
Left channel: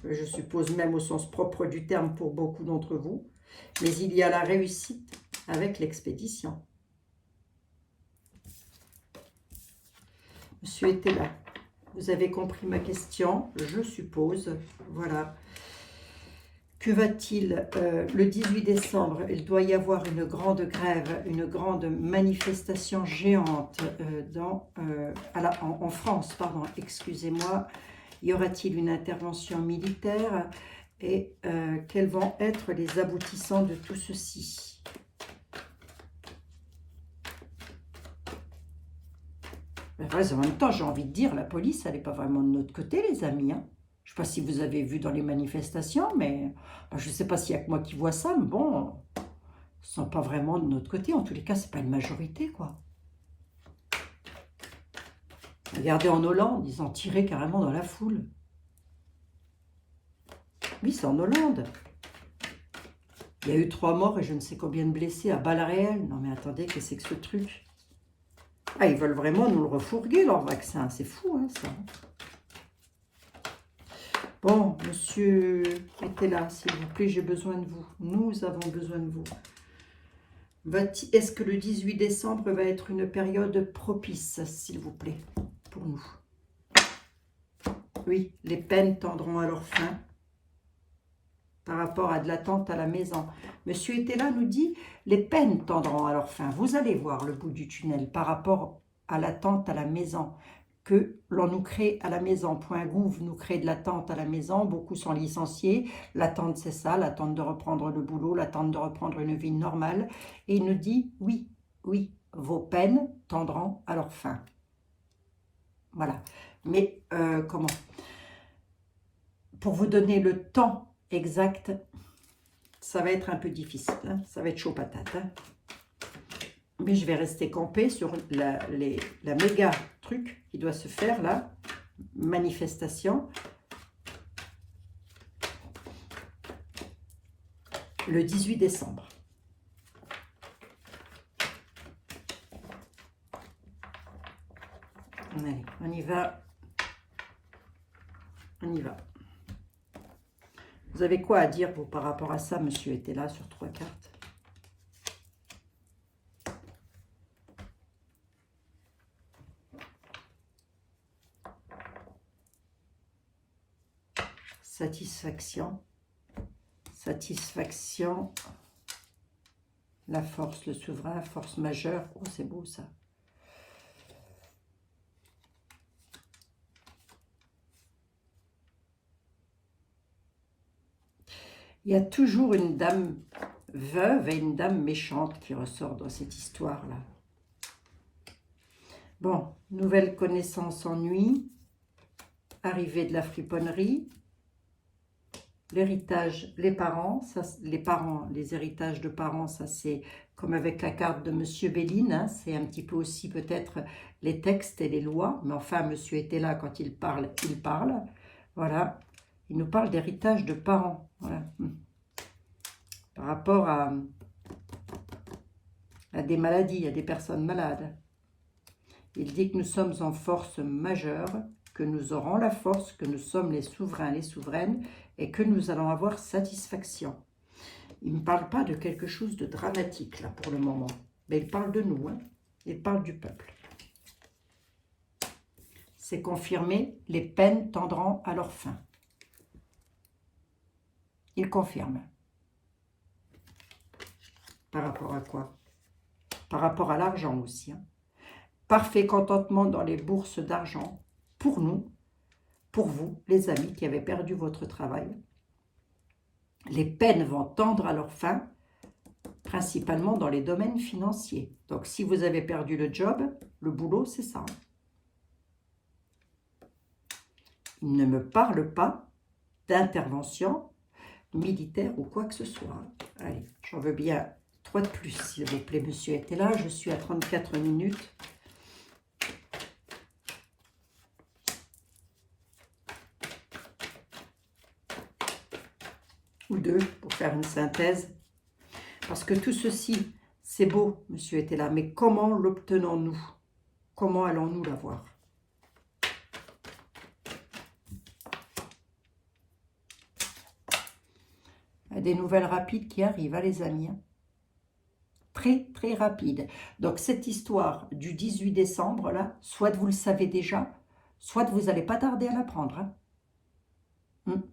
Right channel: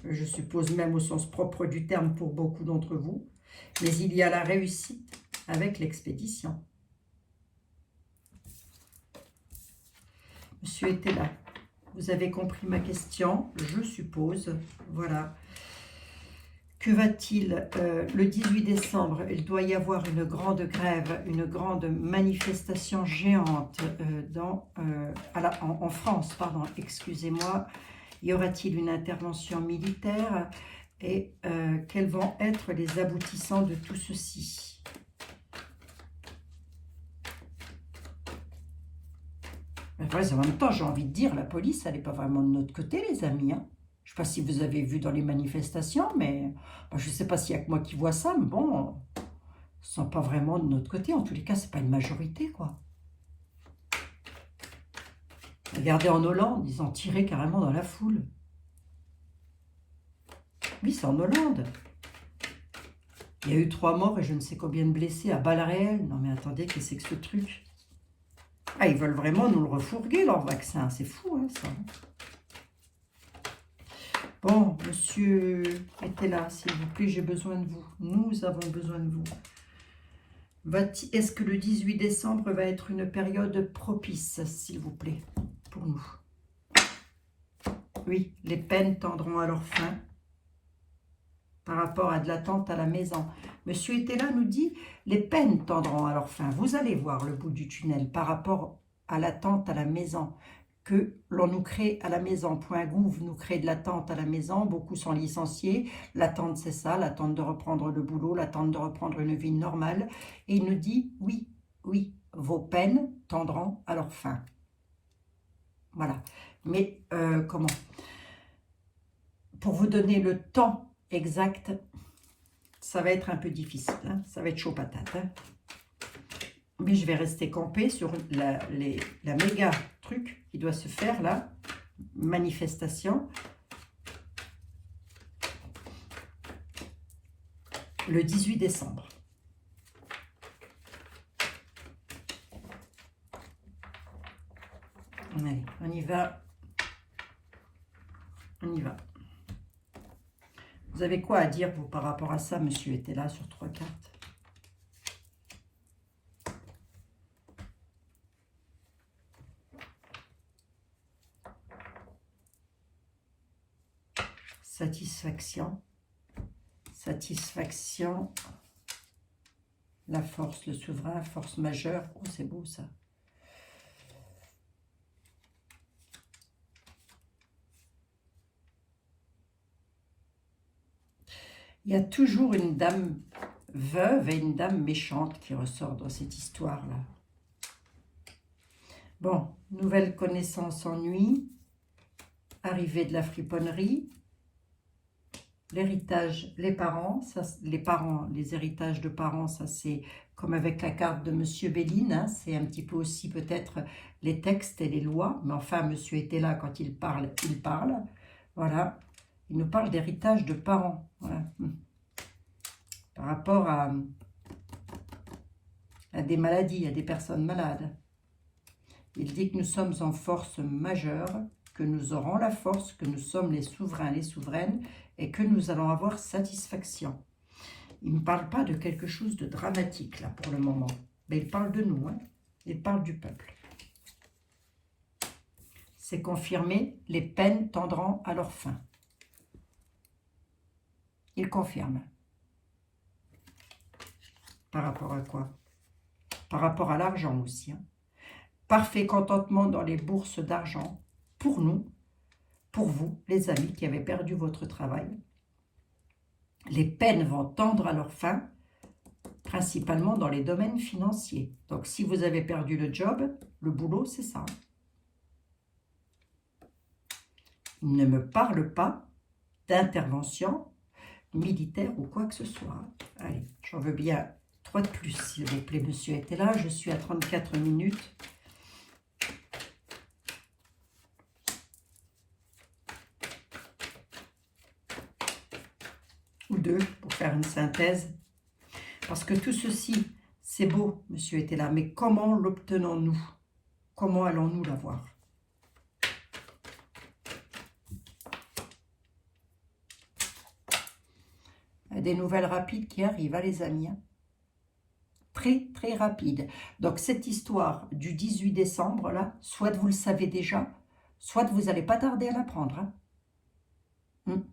Je suppose même au sens propre du terme pour beaucoup d'entre vous. Mais il y a la réussite avec l'expédition. Monsieur était là. Vous avez compris ma question, je suppose. Voilà. Que va-t-il le 18 décembre? Il doit y avoir une grande grève, une grande manifestation géante en France, pardon, excusez-moi. Y aura-t-il une intervention militaire? Et quels vont être les aboutissants de tout ceci? Après, en même temps, j'ai envie de dire, la police, elle n'est pas vraiment de notre côté, les amis, hein. Je ne sais pas si vous avez vu dans les manifestations, mais je ne sais pas s'il n'y a que moi qui vois ça, mais bon, ils ne sont pas vraiment de notre côté. En tous les cas, ce n'est pas une majorité, quoi. Regardez en Hollande, ils ont tiré carrément dans la foule. Oui, c'est en Hollande. Il y a eu 3 morts et je ne sais combien de blessés à balles réelles. Non mais attendez, qu'est-ce que c'est que ce truc? Ah, ils veulent vraiment nous le refourguer, leur vaccin. C'est fou, hein, ça. Bon, monsieur était là, s'il vous plaît, j'ai besoin de vous. Nous avons besoin de vous. Est-ce que le 18 décembre va être une période propice, s'il vous plaît, pour nous? Oui, les peines tendront à leur fin par rapport à de l'attente à la maison. Monsieur était là, nous dit, les peines tendront à leur fin. Vous allez voir le bout du tunnel par rapport à l'attente à la maison. Que l'on nous crée à la maison. .gouv nous crée de l'attente à la maison. Beaucoup sont licenciés. L'attente, c'est ça, l'attente de reprendre le boulot, l'attente de reprendre une vie normale. Et il nous dit, oui, oui, vos peines tendront à leur fin. Voilà. Mais comment? Pour vous donner le temps exact, ça va être un peu difficile. Hein, ça va être chaud patate. Hein. Mais je vais rester campé sur la méga truc qui doit se faire là, manifestation, le 18 décembre. Allez, on y va. On y va. Vous avez quoi à dire, vous, par rapport à ça? Monsieur était là sur 3 cartes. Satisfaction, satisfaction, la force, le souverain, force majeure. Oh, c'est beau ça. Il y a toujours une dame veuve et une dame méchante qui ressort dans cette histoire-là. Bon, nouvelle connaissance ennui, arrivée de la friponnerie. L'héritage, les parents, les héritages de parents, ça c'est comme avec la carte de Monsieur Béline, hein, c'est un petit peu aussi peut-être les textes et les lois, mais enfin Monsieur était là quand il parle, voilà, il nous parle d'héritage de parents, voilà, par rapport à des maladies, à des personnes malades. Il dit que nous sommes en force majeure, que nous aurons la force, que nous sommes les souverains, les souveraines, et que nous allons avoir satisfaction. Il ne parle pas de quelque chose de dramatique, là, pour le moment. Mais il parle de nous, hein. Il parle du peuple. C'est confirmé, les peines tendront à leur fin. Il confirme. Par rapport à quoi? Par rapport à l'argent aussi, hein. Parfait contentement dans les bourses d'argent pour nous, pour vous, les amis qui avez perdu votre travail. Les peines vont tendre à leur fin, principalement dans les domaines financiers. Donc, si vous avez perdu le job, le boulot, c'est ça. Il ne me parle pas d'intervention militaire ou quoi que ce soit. Allez, j'en veux bien 3 de plus, s'il vous plaît, monsieur était là. Je suis à 34 minutes. Ou 2 pour faire une synthèse. Parce que tout ceci, c'est beau, monsieur était là, mais comment l'obtenons-nous? Comment allons-nous l'avoir? Des nouvelles rapides qui arrivent, hein, les amis. Hein. Très, très rapide. Donc, cette histoire du 18 décembre, là, soit vous le savez déjà, soit vous n'allez pas tarder à l'apprendre. Hein.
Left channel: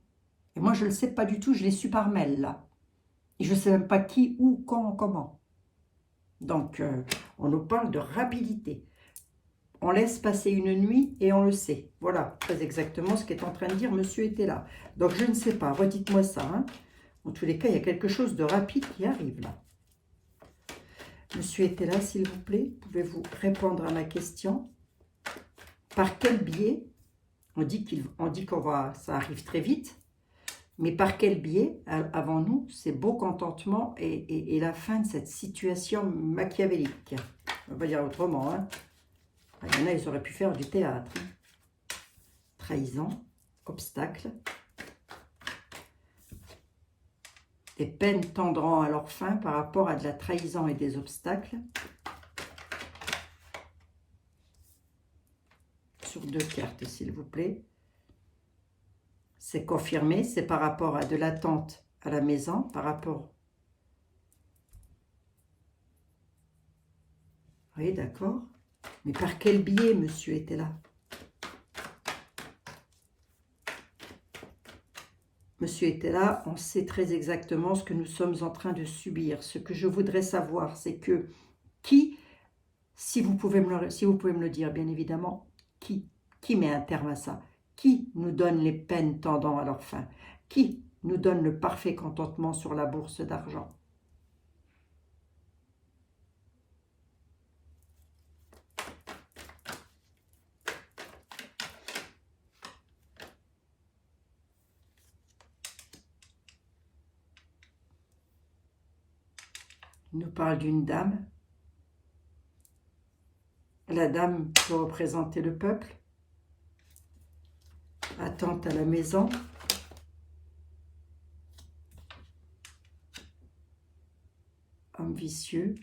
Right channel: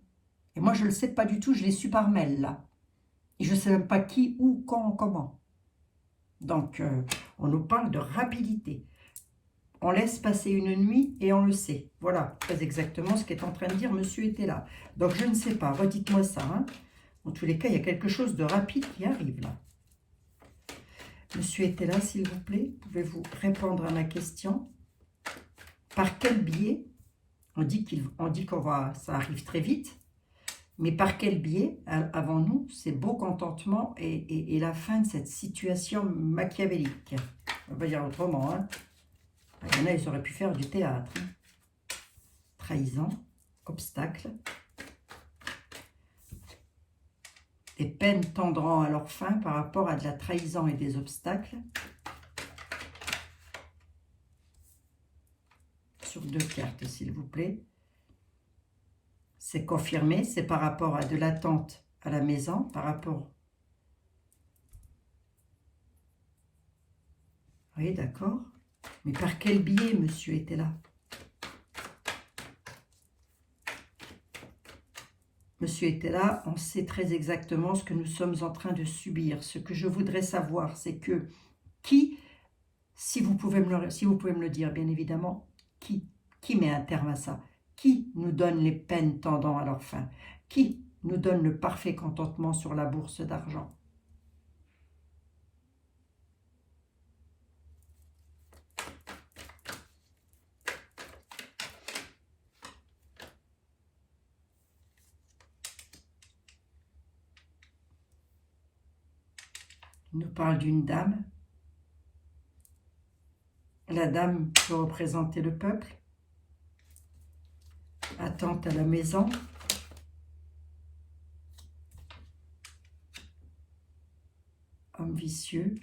Et moi, je ne le sais pas du tout, je l'ai su par mail, là. Et je ne sais même pas qui, où, quand, comment. Donc, on nous parle de rapidité. On laisse passer une nuit et on le sait. Voilà, très exactement ce qu'est en train de dire monsieur était là. Donc, je ne sais pas, redites-moi ça. Hein. En tous les cas, il y a quelque chose de rapide qui arrive, là. Monsieur était là, s'il vous plaît. Pouvez-vous répondre à ma question? Par quel biais? On dit qu'on va, ça arrive très vite. Mais par quel biais, avant nous, ces beaux contentements et la fin de cette situation machiavélique? On va dire autrement. Hein. Il y en a, ils auraient pu faire du théâtre. Hein. Trahison, obstacle. Des peines tendront à leur fin par rapport à de la trahison et des obstacles. Sur 2 cartes, s'il vous plaît. C'est confirmé, c'est par rapport à de l'attente à la maison, par rapport... Oui, d'accord. Mais par quel biais, monsieur était là? Monsieur était là, on sait très exactement ce que nous sommes en train de subir. Ce que je voudrais savoir, c'est que qui, si vous pouvez me le dire, bien évidemment, qui met un terme à ça? Qui nous donne les peines tendant à leur fin? Qui nous donne le parfait contentement sur la bourse d'argent? Il nous parle d'une dame. La dame peut représenter le peuple. Attente à la maison. Homme vicieux.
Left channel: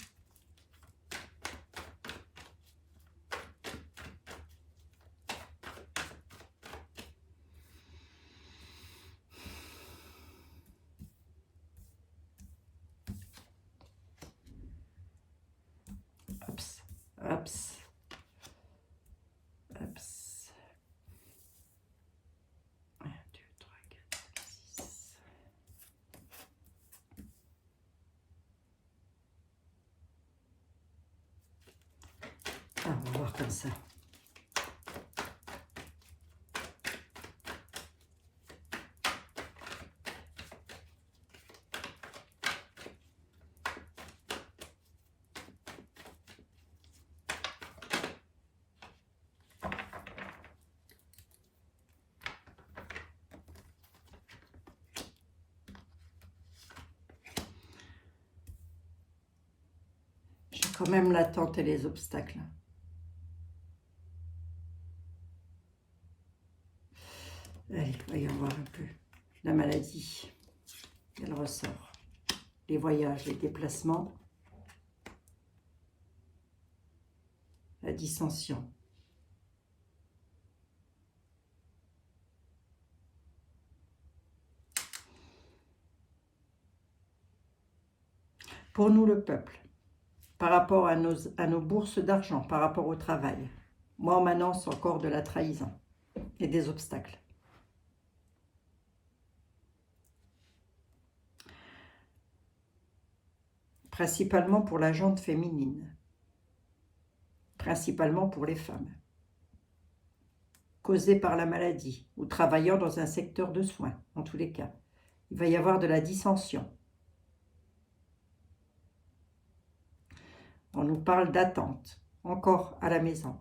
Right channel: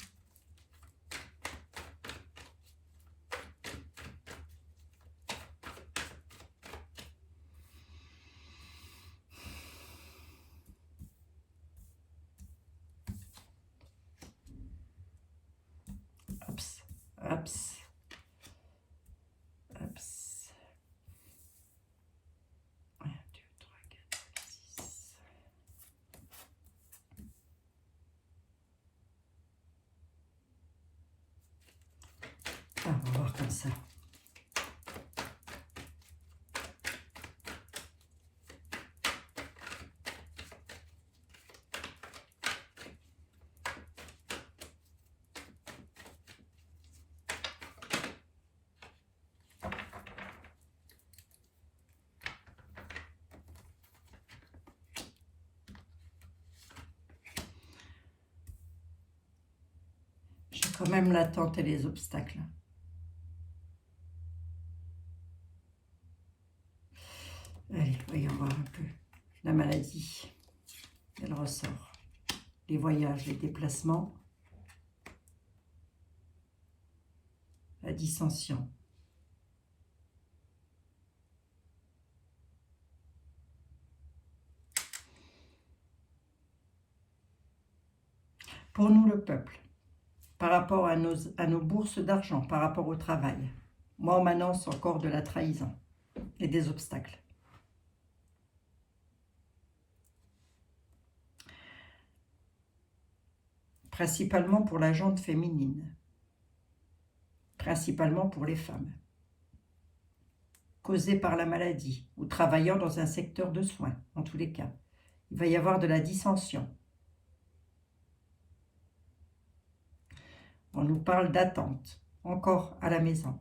Ups, ups, ups. 1, 2, 3, 4, 6. Ah, on va voir comme ça. J'ai quand même l'attente et les obstacles. Allez, voyons voir un peu. La maladie, elle ressort. Les voyages, les déplacements. La dissension. Pour nous, le peuple, par rapport à nos bourses d'argent, par rapport au travail, moi, on m'annonce encore de la trahison et des obstacles. Principalement pour la jante féminine, principalement pour les femmes, causée par la maladie ou travaillant dans un secteur de soins, en tous les cas. Il va y avoir de la dissension. On nous parle d'attente, encore à la maison,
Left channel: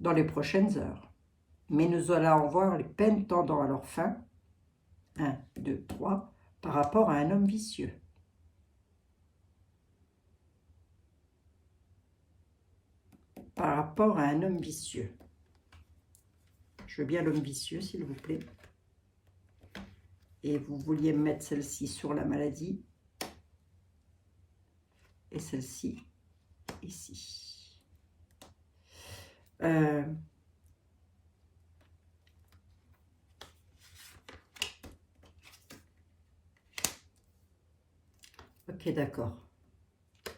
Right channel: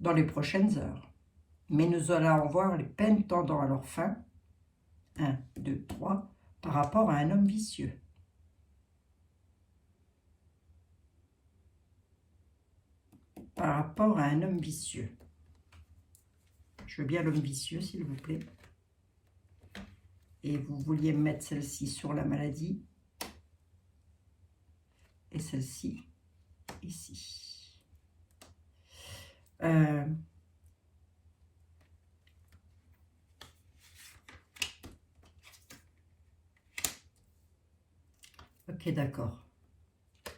dans les prochaines heures. Mais nous allons voir les peines tendant à leur fin, 1, 2, 3, par rapport à un homme vicieux. Par rapport à un homme vicieux. Je veux bien l'homme vicieux, s'il vous plaît. Et vous vouliez mettre celle-ci sur la maladie. Et celle-ci, ici. Ok, d'accord.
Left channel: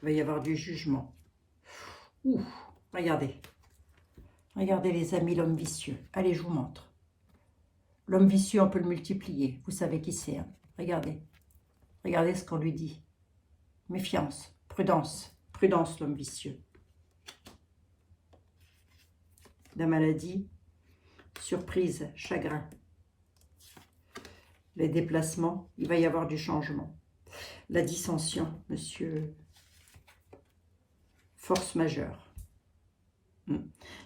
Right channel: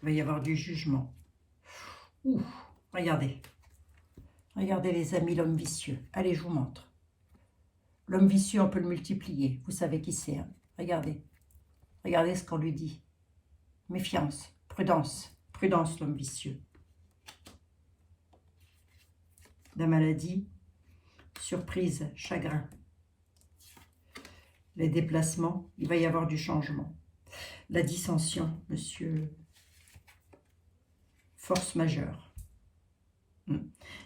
Il va y avoir du jugement. Ouh, regardez. Regardez les amis, l'homme vicieux. Allez, je vous montre. L'homme vicieux, on peut le multiplier. Vous savez qui c'est, hein. Regardez. Regardez ce qu'on lui dit. Méfiance, prudence. Prudence, l'homme vicieux. La maladie, surprise, chagrin. Les déplacements, il va y avoir du changement. La dissension, monsieur. Force majeure. Il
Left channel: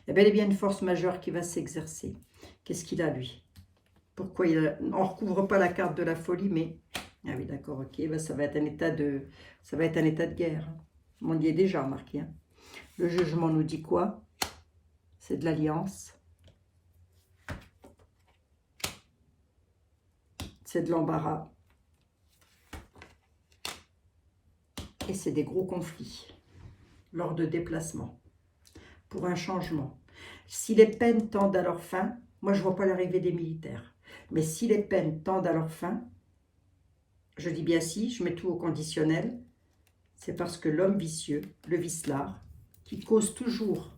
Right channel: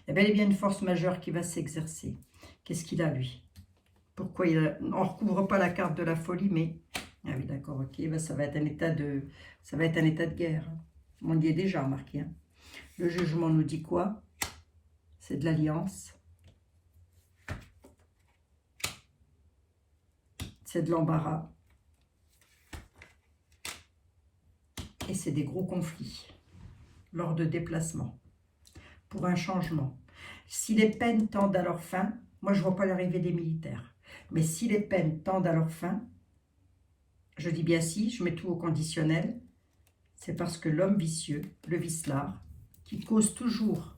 y a bel et bien une force majeure qui va s'exercer. Qu'est-ce qu'il a, lui? Pourquoi il a... On ne recouvre pas la carte de la folie, mais... Ah oui, d'accord, ok. Ben, ça va être un état de... Ça va être un état de guerre. On y est déjà remarqué. Hein. Le jugement nous dit quoi? C'est de l'alliance. C'est de l'embarras. Et c'est des gros conflits lors de déplacements. Pour un changement. Si les peines tendent à leur fin, moi je ne vois pas l'arrivée des militaires, mais si les peines tendent à leur fin, je dis bien si, je mets tout au conditionnel, c'est parce que l'homme vicieux, le vicelard, qui cause toujours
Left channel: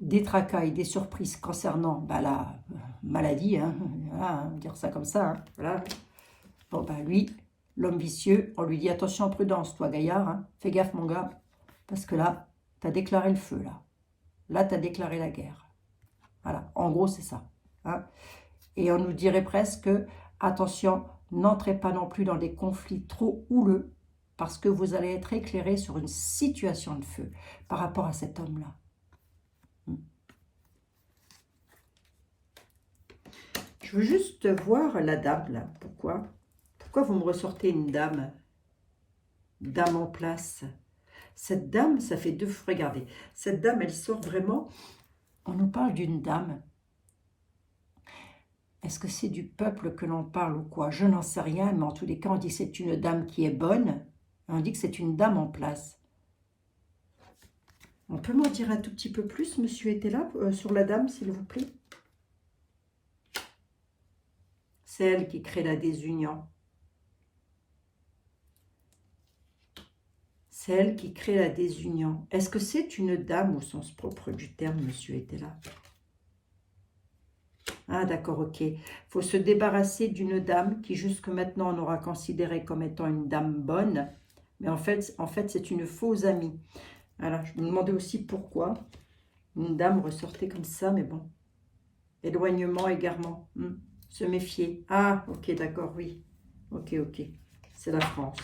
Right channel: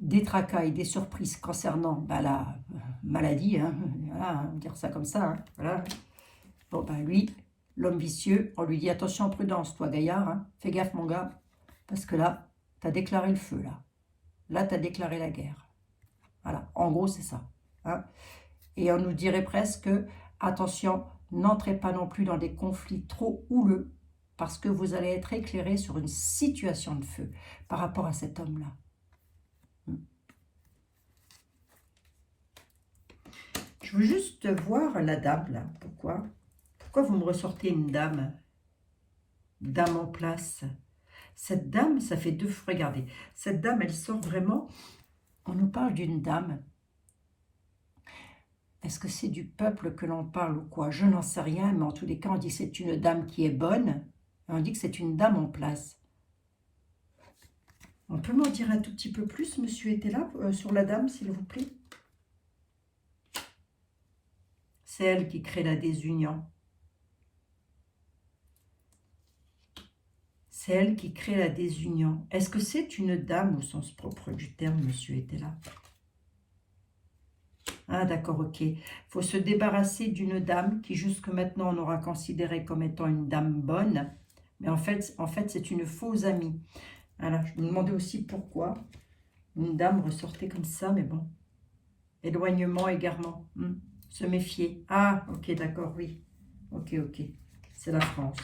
des tracas et des surprises concernant la maladie, hein, voilà, dire ça comme ça, hein, voilà. Bon ben lui, l'homme vicieux, on lui dit attention, prudence, toi gaillard, hein, fais gaffe mon gars, parce que là, tu as déclaré le feu, là. Là, tu as déclaré la guerre. Voilà, en gros, c'est ça. Hein. Et on nous dirait presque, attention, n'entrez pas non plus dans des conflits trop houleux, parce que vous allez être éclairé sur une situation de feu par rapport à cet homme-là. Je veux juste voir la dame, là. Pourquoi vous me ressortez une dame? Dame en place. Cette dame, ça fait deux... Regardez, cette dame, elle sort vraiment... On nous parle d'une dame. Est-ce que c'est du peuple que l'on parle ou quoi? Je n'en sais rien, mais en tous les cas, on dit que c'est une dame qui est bonne. On dit que c'est une dame en place. On peut m'en dire un tout petit peu plus, monsieur était là, sur la dame, s'il vous plaît? C'est elle qui crée la désunion. C'est elle qui crée la désunion. Est-ce que c'est une dame au sens propre du terme, monsieur était là? Ah d'accord, ok. Il faut se débarrasser d'une dame qui jusque maintenant on aura considéré comme étant une dame bonne. Mais en fait c'est une fausse amie. Alors, je me demandais aussi pourquoi une dame ressortait comme ça, mais bon. Éloignement, égarement. Se méfier. Ah, ok, d'accord, oui. Ok, ok. C'est la France.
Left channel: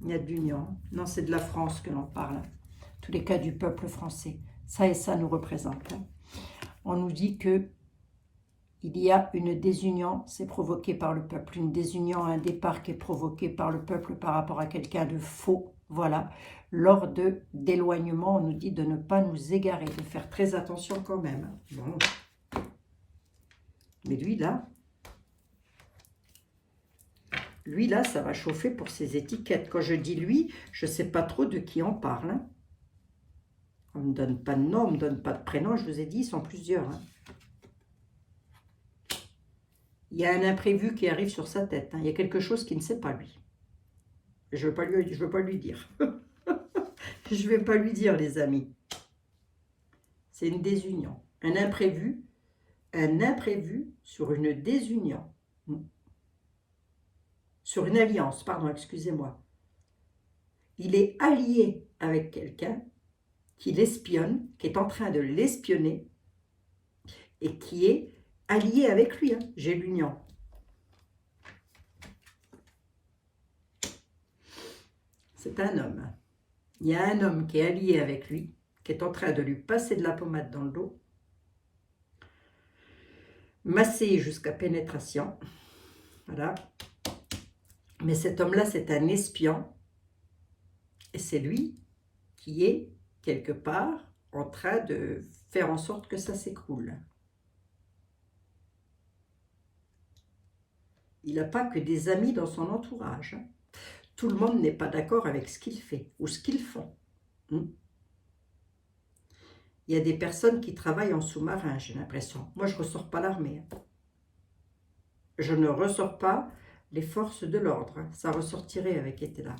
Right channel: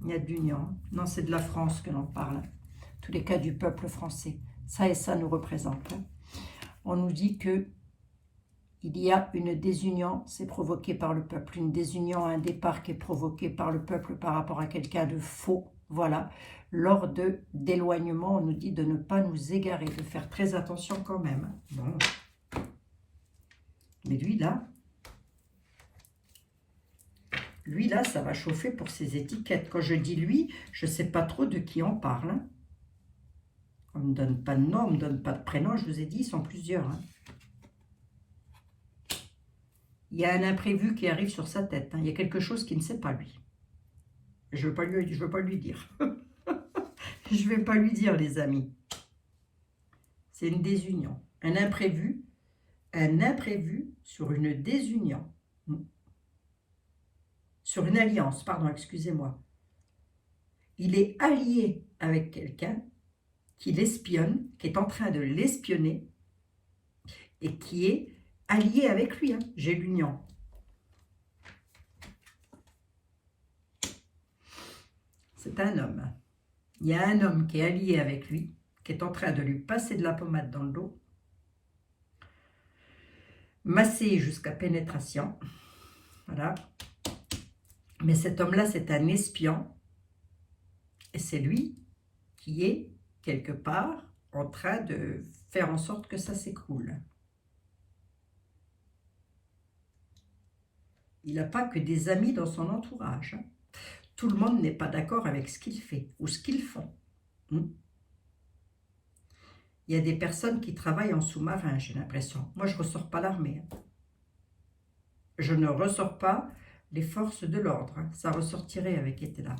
Il y a de l'union. Non, c'est de la France que l'on parle. Tous les cas du peuple français. Ça et ça nous représente. On nous dit que il y a une désunion, c'est provoqué par le peuple. Une désunion, un départ qui est provoqué par le peuple par rapport à quelqu'un de faux. Voilà. Lors d'éloignement, on nous dit de ne pas nous égarer, de faire très attention quand même. Bon. Mais lui, là, ça va chauffer pour ses étiquettes. Quand je dis lui, je ne sais pas trop de qui on parle. Hein. On ne me donne pas de nom, on ne me donne pas de prénom. Je vous ai dit, ils sont plusieurs. Hein. Il y a un imprévu qui arrive sur sa tête. Hein. Il y a quelque chose qu'il ne sait pas, lui. Je ne veux pas lui dire. Je ne vais pas lui dire, les amis. C'est une désunion. Un imprévu sur une désunion. Sur une alliance, pardon, excusez-moi. Il est allié avec quelqu'un qui l'espionne, qui est en train de l'espionner et qui est allié avec lui. Hein. J'ai l'union. C'est un homme. Il y a un homme qui est allié avec lui, qui est en train de lui passer de la pommade dans le dos, masser jusqu'à pénétration. Voilà. Mais cet homme-là, c'est un espion. Et c'est lui qui est, quelque part, en train de faire en sorte que ça s'écroule. Il n'a pas que des amis dans son entourage. Hein. Tout le monde n'est pas d'accord avec ce qu'il fait ou ce qu'ils font. Il y a des personnes qui travaillent en sous-marin, j'ai l'impression. Moi, je ne ressors pas l'armée. Je ne ressors pas les forces de l'ordre. Ça ressortirait avec été là.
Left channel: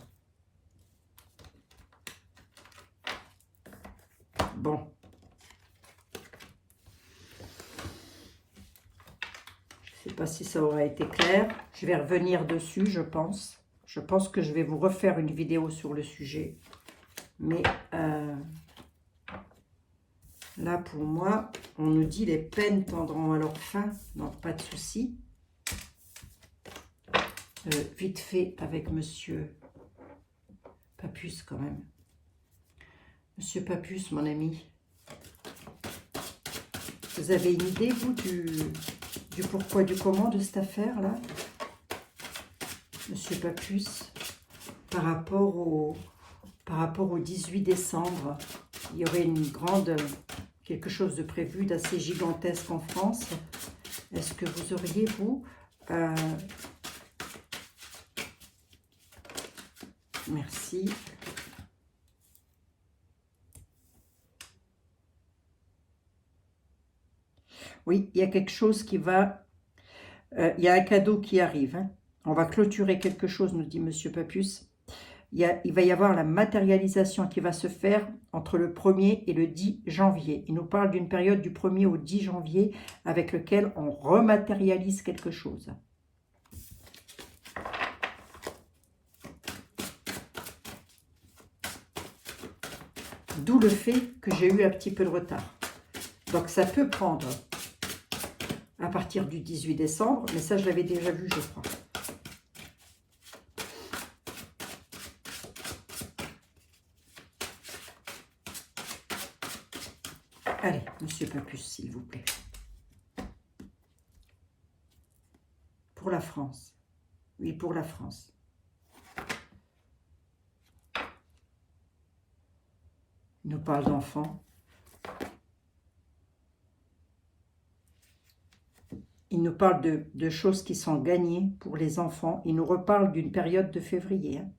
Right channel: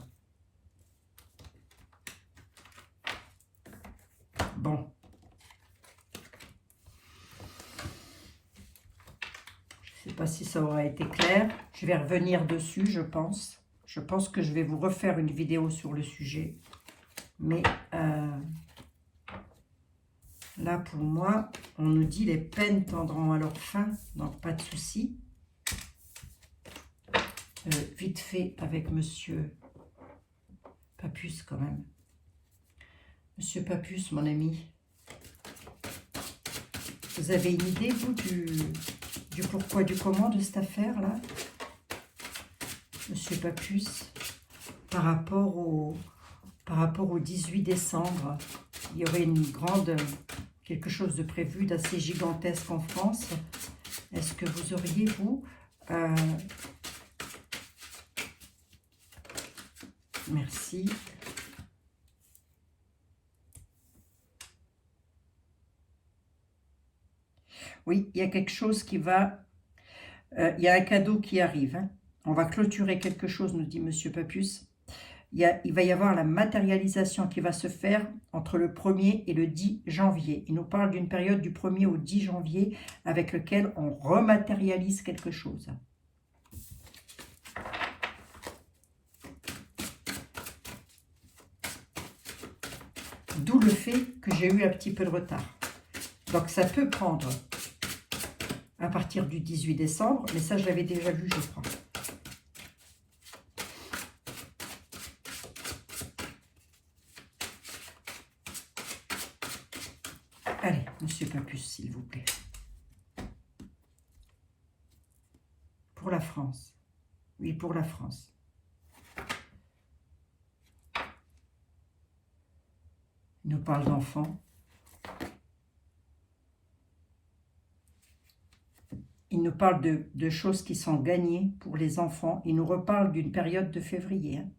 Bon. si ça aura été clair. Je vais revenir dessus, je pense. Je pense que je vais vous refaire une vidéo sur le sujet. Mais là, pour moi, on nous dit les peines tendront à leur fin. Donc, pas de souci. Vite fait avec Monsieur Papus, quand même. Monsieur Papus, mon ami. Vous avez une idée, vous, du pourquoi, du comment de cette affaire-là, Monsieur Papus, par rapport au 18 décembre, il y aurait quelque chose de prévu d'assez gigantesque en France. Est-ce que vous auriez, vous, merci. Oui, il y a quelque chose qui va... il y a un cadeau qui arrive. Hein. On va clôturer quelque chose, nous dit Monsieur Papus. Il va y avoir la matérialisation qui va se faire entre le 1er et le 10 janvier. Il nous parle d'une période du 1er au 10 janvier avec lequel on rematérialise quelque chose. D'où le fait que j'ai eu un petit peu de retard. Donc ça peut prendre à partir du 18 décembre, mais ça je l'avais déjà vu, je crois. Allez, Monsieur Papus, s'il vous plaît. Pour la France. Oui, pour la France. Il nous parle d'enfants. Il nous parle de choses qui sont gagnées pour les enfants. Il nous reparle d'une période de février. Hein.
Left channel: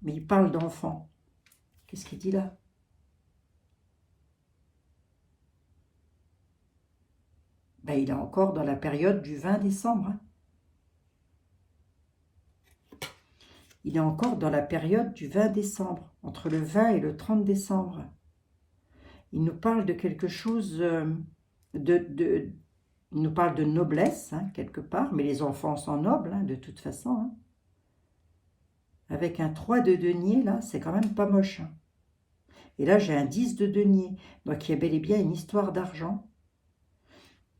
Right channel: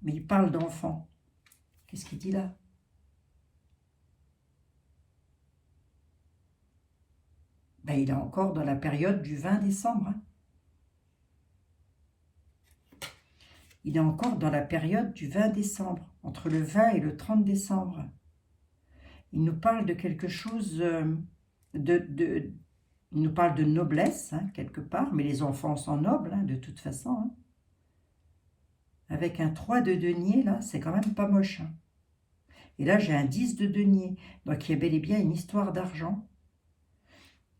Mais il parle d'enfants. Qu'est-ce qu'il dit là? Ben, il est encore dans la période du 20 décembre. Hein. Il est encore dans la période du 20 décembre, entre le 20 et le 30 décembre. Il nous parle de quelque chose, il nous parle de noblesse, hein, quelque part, mais les enfants sont nobles, hein, de toute façon. Hein. Avec un 3 de denier, là, c'est quand même pas moche. Hein. Et là, j'ai un 10 de denier, donc il y a bel et bien une histoire d'argent.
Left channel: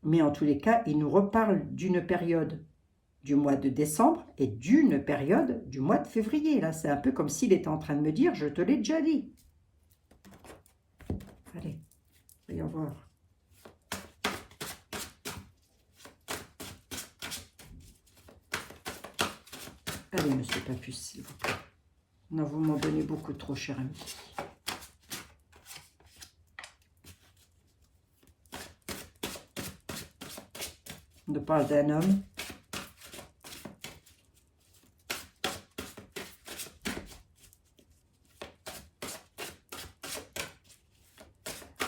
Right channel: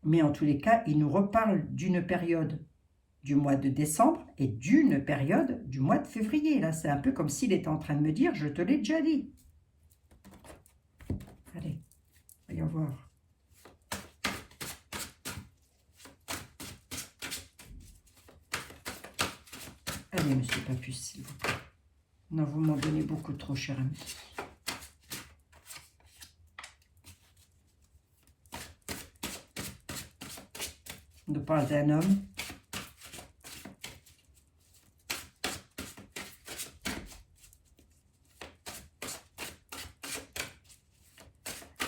Mais en tous les cas, il nous reparle d'une période du mois de décembre et d'une période du mois de février. Là, c'est un peu comme s'il était en train de me dire, je te l'ai déjà dit. Allez, voyons voir. Allez, Monsieur Papus, s'il vous plaît. Non, vous m'en donnez beaucoup trop, cher ami. On nous parle d'un homme.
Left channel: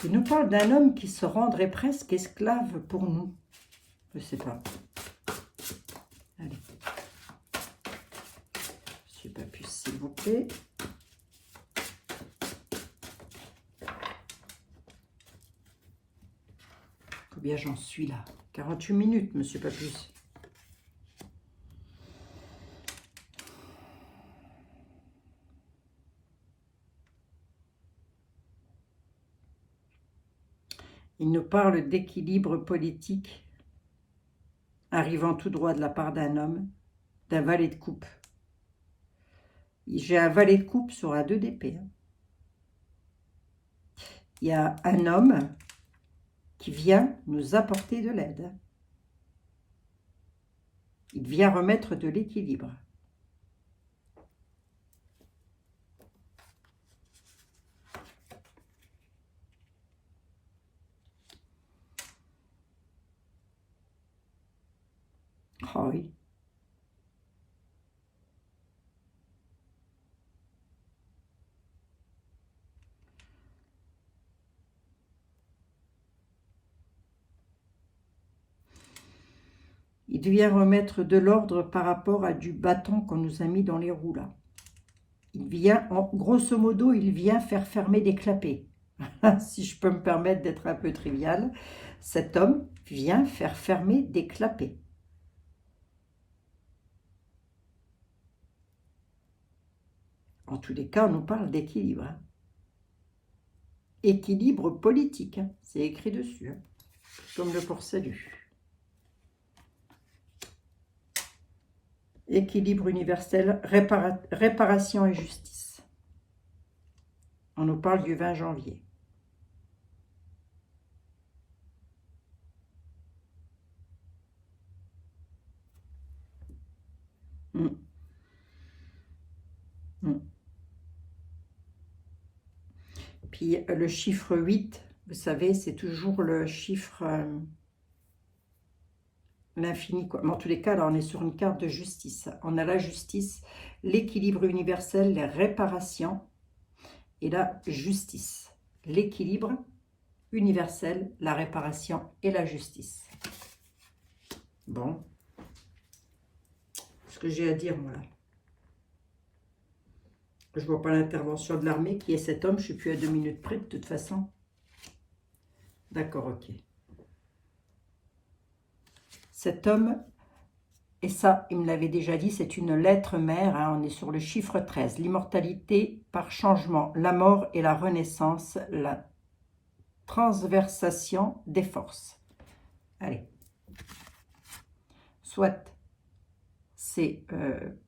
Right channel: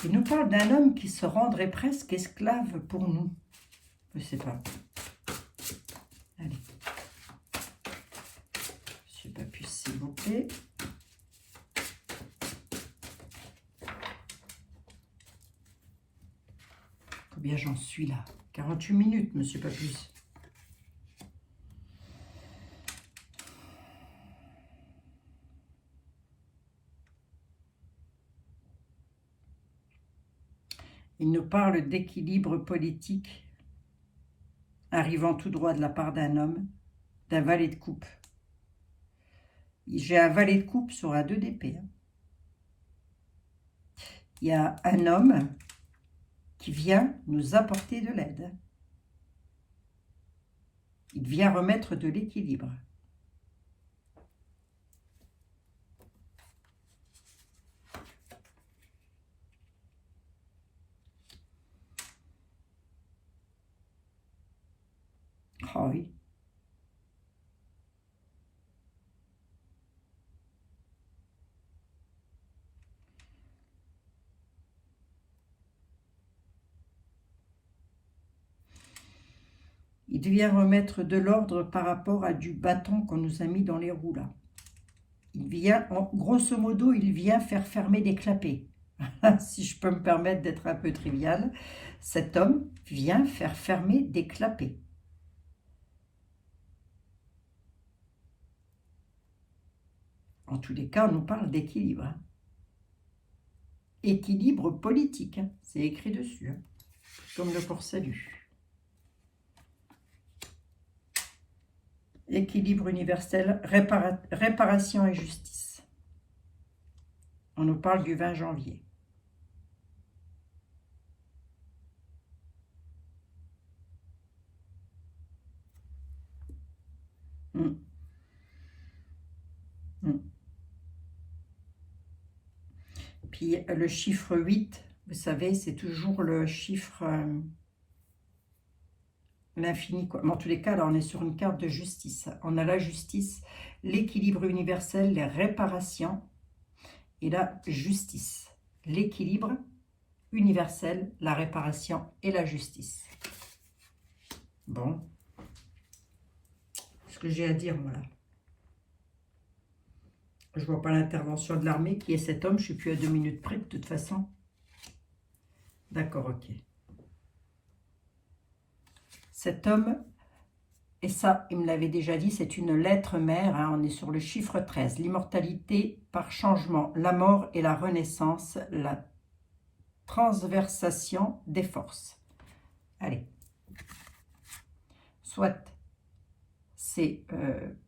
Il nous parle d'un homme qui se rendrait presque esclave pour nous. Je ne sais pas. Allez. Monsieur Papus, s'il vous plaît. Combien j'en suis là? 48 minutes, Monsieur Papus. Il nous parle d'équilibre politique arrivant tout droit de la part d'un homme, d'un valet de coupe. J'ai un valet de coupe sur un 2 d'épée. Il y a un homme qui vient nous apporter de l'aide. Il vient remettre de l'équilibre. Oh oui. Il vient remettre de l'ordre par rapport à du bâton qu'on nous a mis dans les roues là. il vient, grosso modo, il vient faire fermer des clapets. Si je peux me permettre d'être un peu trivial, cet homme vient faire fermer des clapets. En tous les cas, on nous parle d'équilibre. Hein. Équilibre politique, hein. C'est écrit dessus, hein. Comme le port-salut. Équilibre universel, réparation et justice. On nous parle du 20 janvier. Mm. Mm. Puis le chiffre 8, vous savez, c'est toujours le chiffre... l'infini, quoi. Mais en tous les cas, là, on est sur une carte de justice. On a la justice, l'équilibre universel, les réparations et la justice. L'équilibre universel, la réparation et la justice. Bon. Ce que j'ai à dire, moi, là. Je vois pas l'intervention de l'armée qui est cet homme. Je suis plus à 2 minutes près, de toute façon. D'accord, ok. Cet homme, et ça, il me l'avait déjà dit, c'est une lettre mère, hein, on est sur le chiffre 13. L'immortalité par changement, la mort et la renaissance, la transversation des forces. Allez. Soit c'est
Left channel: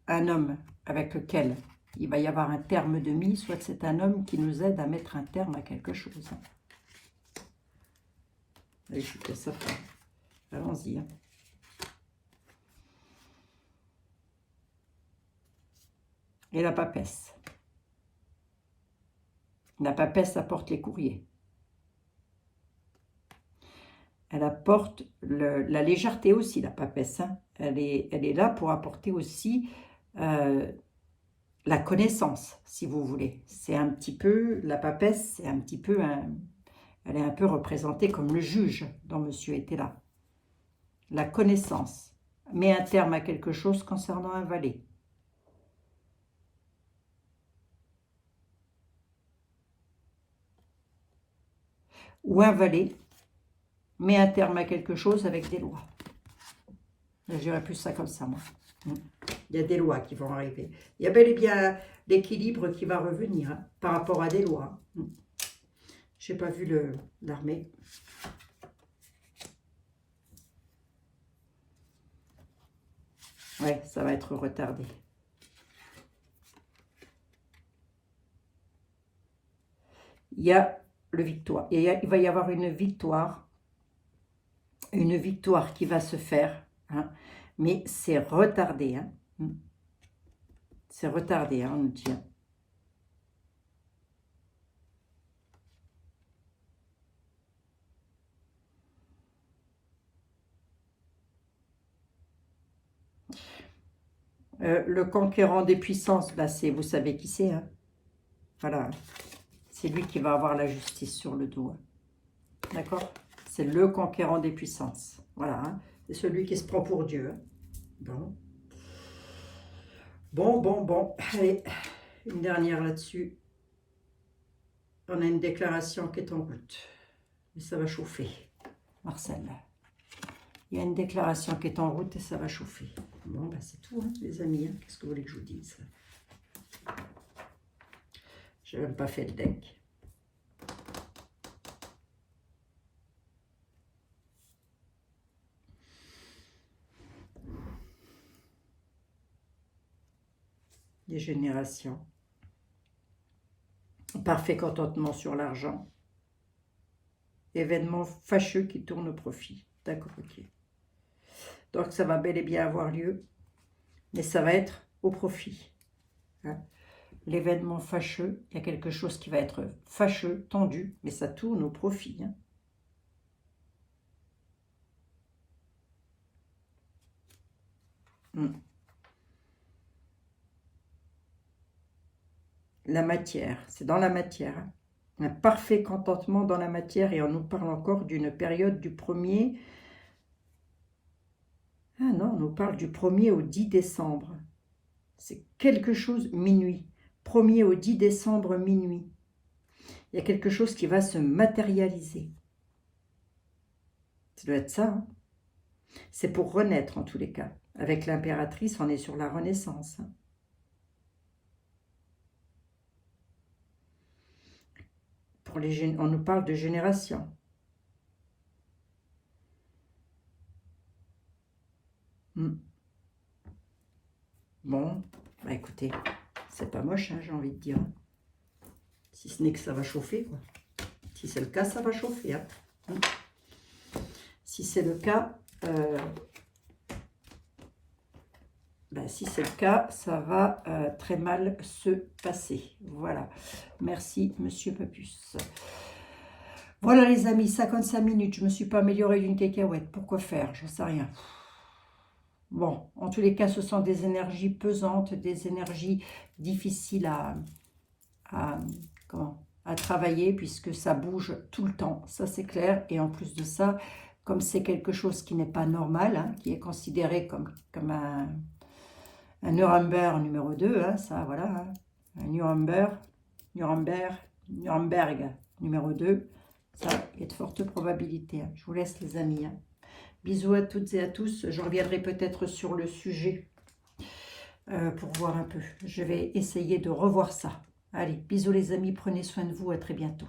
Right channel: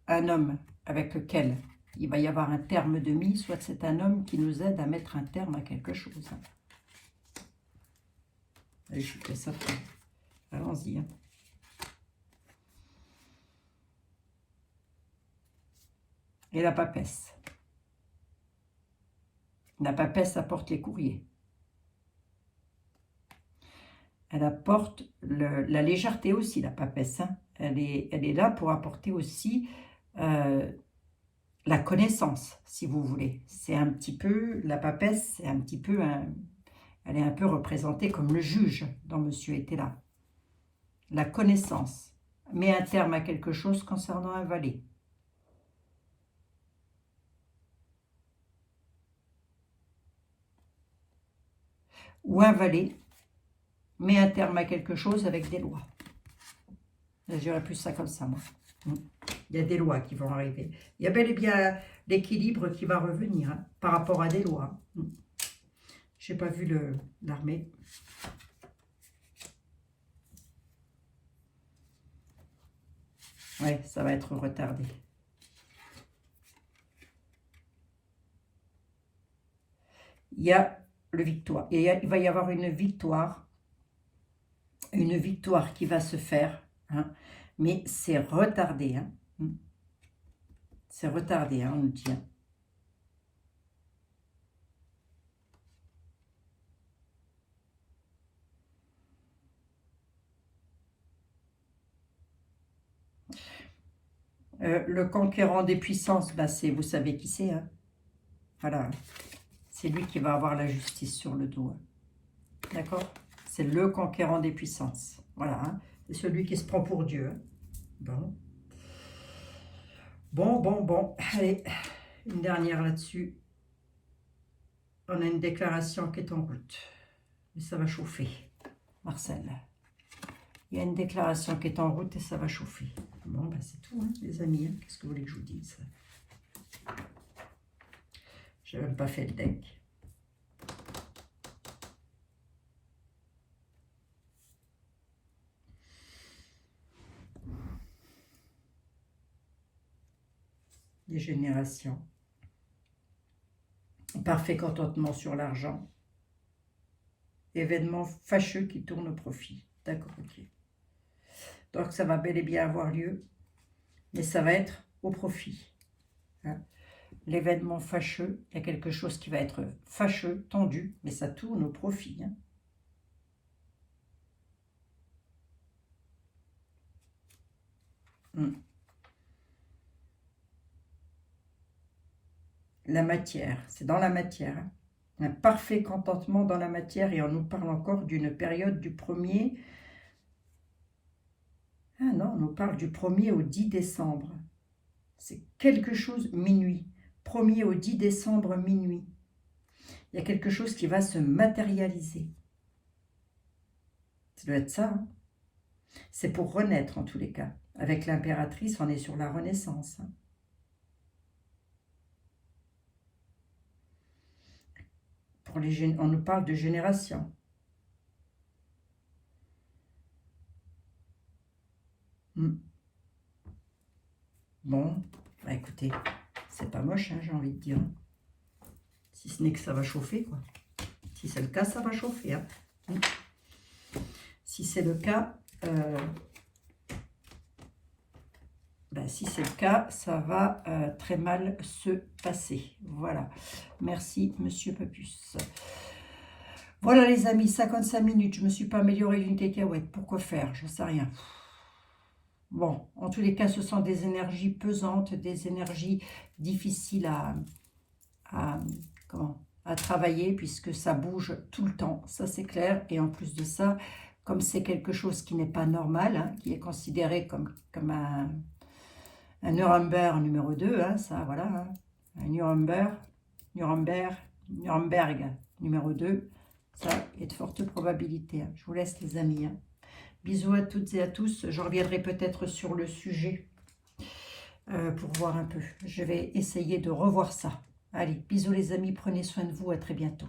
un homme avec lequel il va y avoir un terme de mise, soit c'est un homme qui nous aide à mettre un terme à quelque chose. Allez, je fais ça. Allons-y. Hein. Et la papesse. La papesse apporte les courriers. Elle apporte la légèreté aussi, la papesse. Hein. Elle est là pour apporter aussi la connaissance, si vous voulez. C'est un petit peu, la papesse, c'est un petit peu, elle est un peu représentée comme le juge dont monsieur était là. La connaissance met un terme à quelque chose concernant un valet. Ou un valet met un terme à quelque chose avec des lois. Je dirais plus ça comme ça, moi. Il y a des lois qui vont arriver. Il y a bel et bien l'équilibre qui va revenir hein, par rapport à des lois. Je n'ai pas vu l'armée. Oui, ça va être retardé. Il y a le victoire. Il va y avoir une victoire qui va se faire, hein, mais c'est retardé. Hein. C'est retardé, hein, on nous dit. Hein. Le conquérant des puissances, bah, vous savez qui c'est. Hein. Voilà, c'est lui qui va avoir la justice sur le dos. Hein. D'accord? C'est le conquérant des puissances. Voilà, hein. C'est celui qui se prend pour Dieu. Hein. Bon. Bon. Allez, une dernière là-dessus. On a une déclaration qui est en route. Mais ça va chauffer. Marcel. Il y a une déclaration qui est en route et ça va chauffer. Bon, ben c'est tout, hein, les amis. Hein. Qu'est-ce que vous voulez que je vous dise? Je n'ai même pas fait le deck. Des générations. Parfait contentement sur l'argent. Événement fâcheux qui tourne au profit. D'accord, ok. Donc ça va bel et bien avoir lieu, mais ça va être au profit. Hein. L'événement fâcheux, il y a quelque chose qui va être fâcheux, tendu, mais ça tourne au profit. Hein. La matière, c'est dans la matière. Hein. Un parfait contentement dans la matière et on nous parle encore d'une période du 1er... Ah non, on nous parle du 1er au 10 décembre. C'est quelque chose, minuit. 1er au 10 décembre minuit. Il y a quelque chose qui va se matérialiser. Ça doit être ça. Hein. C'est pour renaître en tous les cas. Avec l'impératrice, on est sur la renaissance. Hein. On nous parle de génération. Bon, bah écoutez, c'est pas moche, hein, j'ai envie de dire. Si ce n'est que ça va chauffer, quoi. Si c'est le cas, ça va chauffer. Hein. Si c'est le cas, si c'est le cas, ça va très mal se passer. Voilà. Merci, Monsieur Papus. Voilà, les amis, 55 minutes. Je ne me suis pas améliorée d'une cacahuète. Pourquoi faire? Je ne sais rien. Bon, en tous les cas, ce sont des énergies pesantes, des énergies difficiles à travailler, puisque ça bouge tout le temps. Ça, c'est clair. Et en plus de ça, comme c'est quelque chose qui n'est pas normal, hein, qui est considéré comme un Nuremberg numéro 2, hein, ça, voilà, hein, un Nuremberg numéro 2, ça, il y a de fortes probabilités. Hein. Je vous laisse, les amis. Hein. Bisous à toutes et à tous. Je reviendrai peut-être sur le sujet pour voir un peu. Je vais essayer de revoir ça. Allez, bisous les amis, prenez soin de vous, à très bientôt.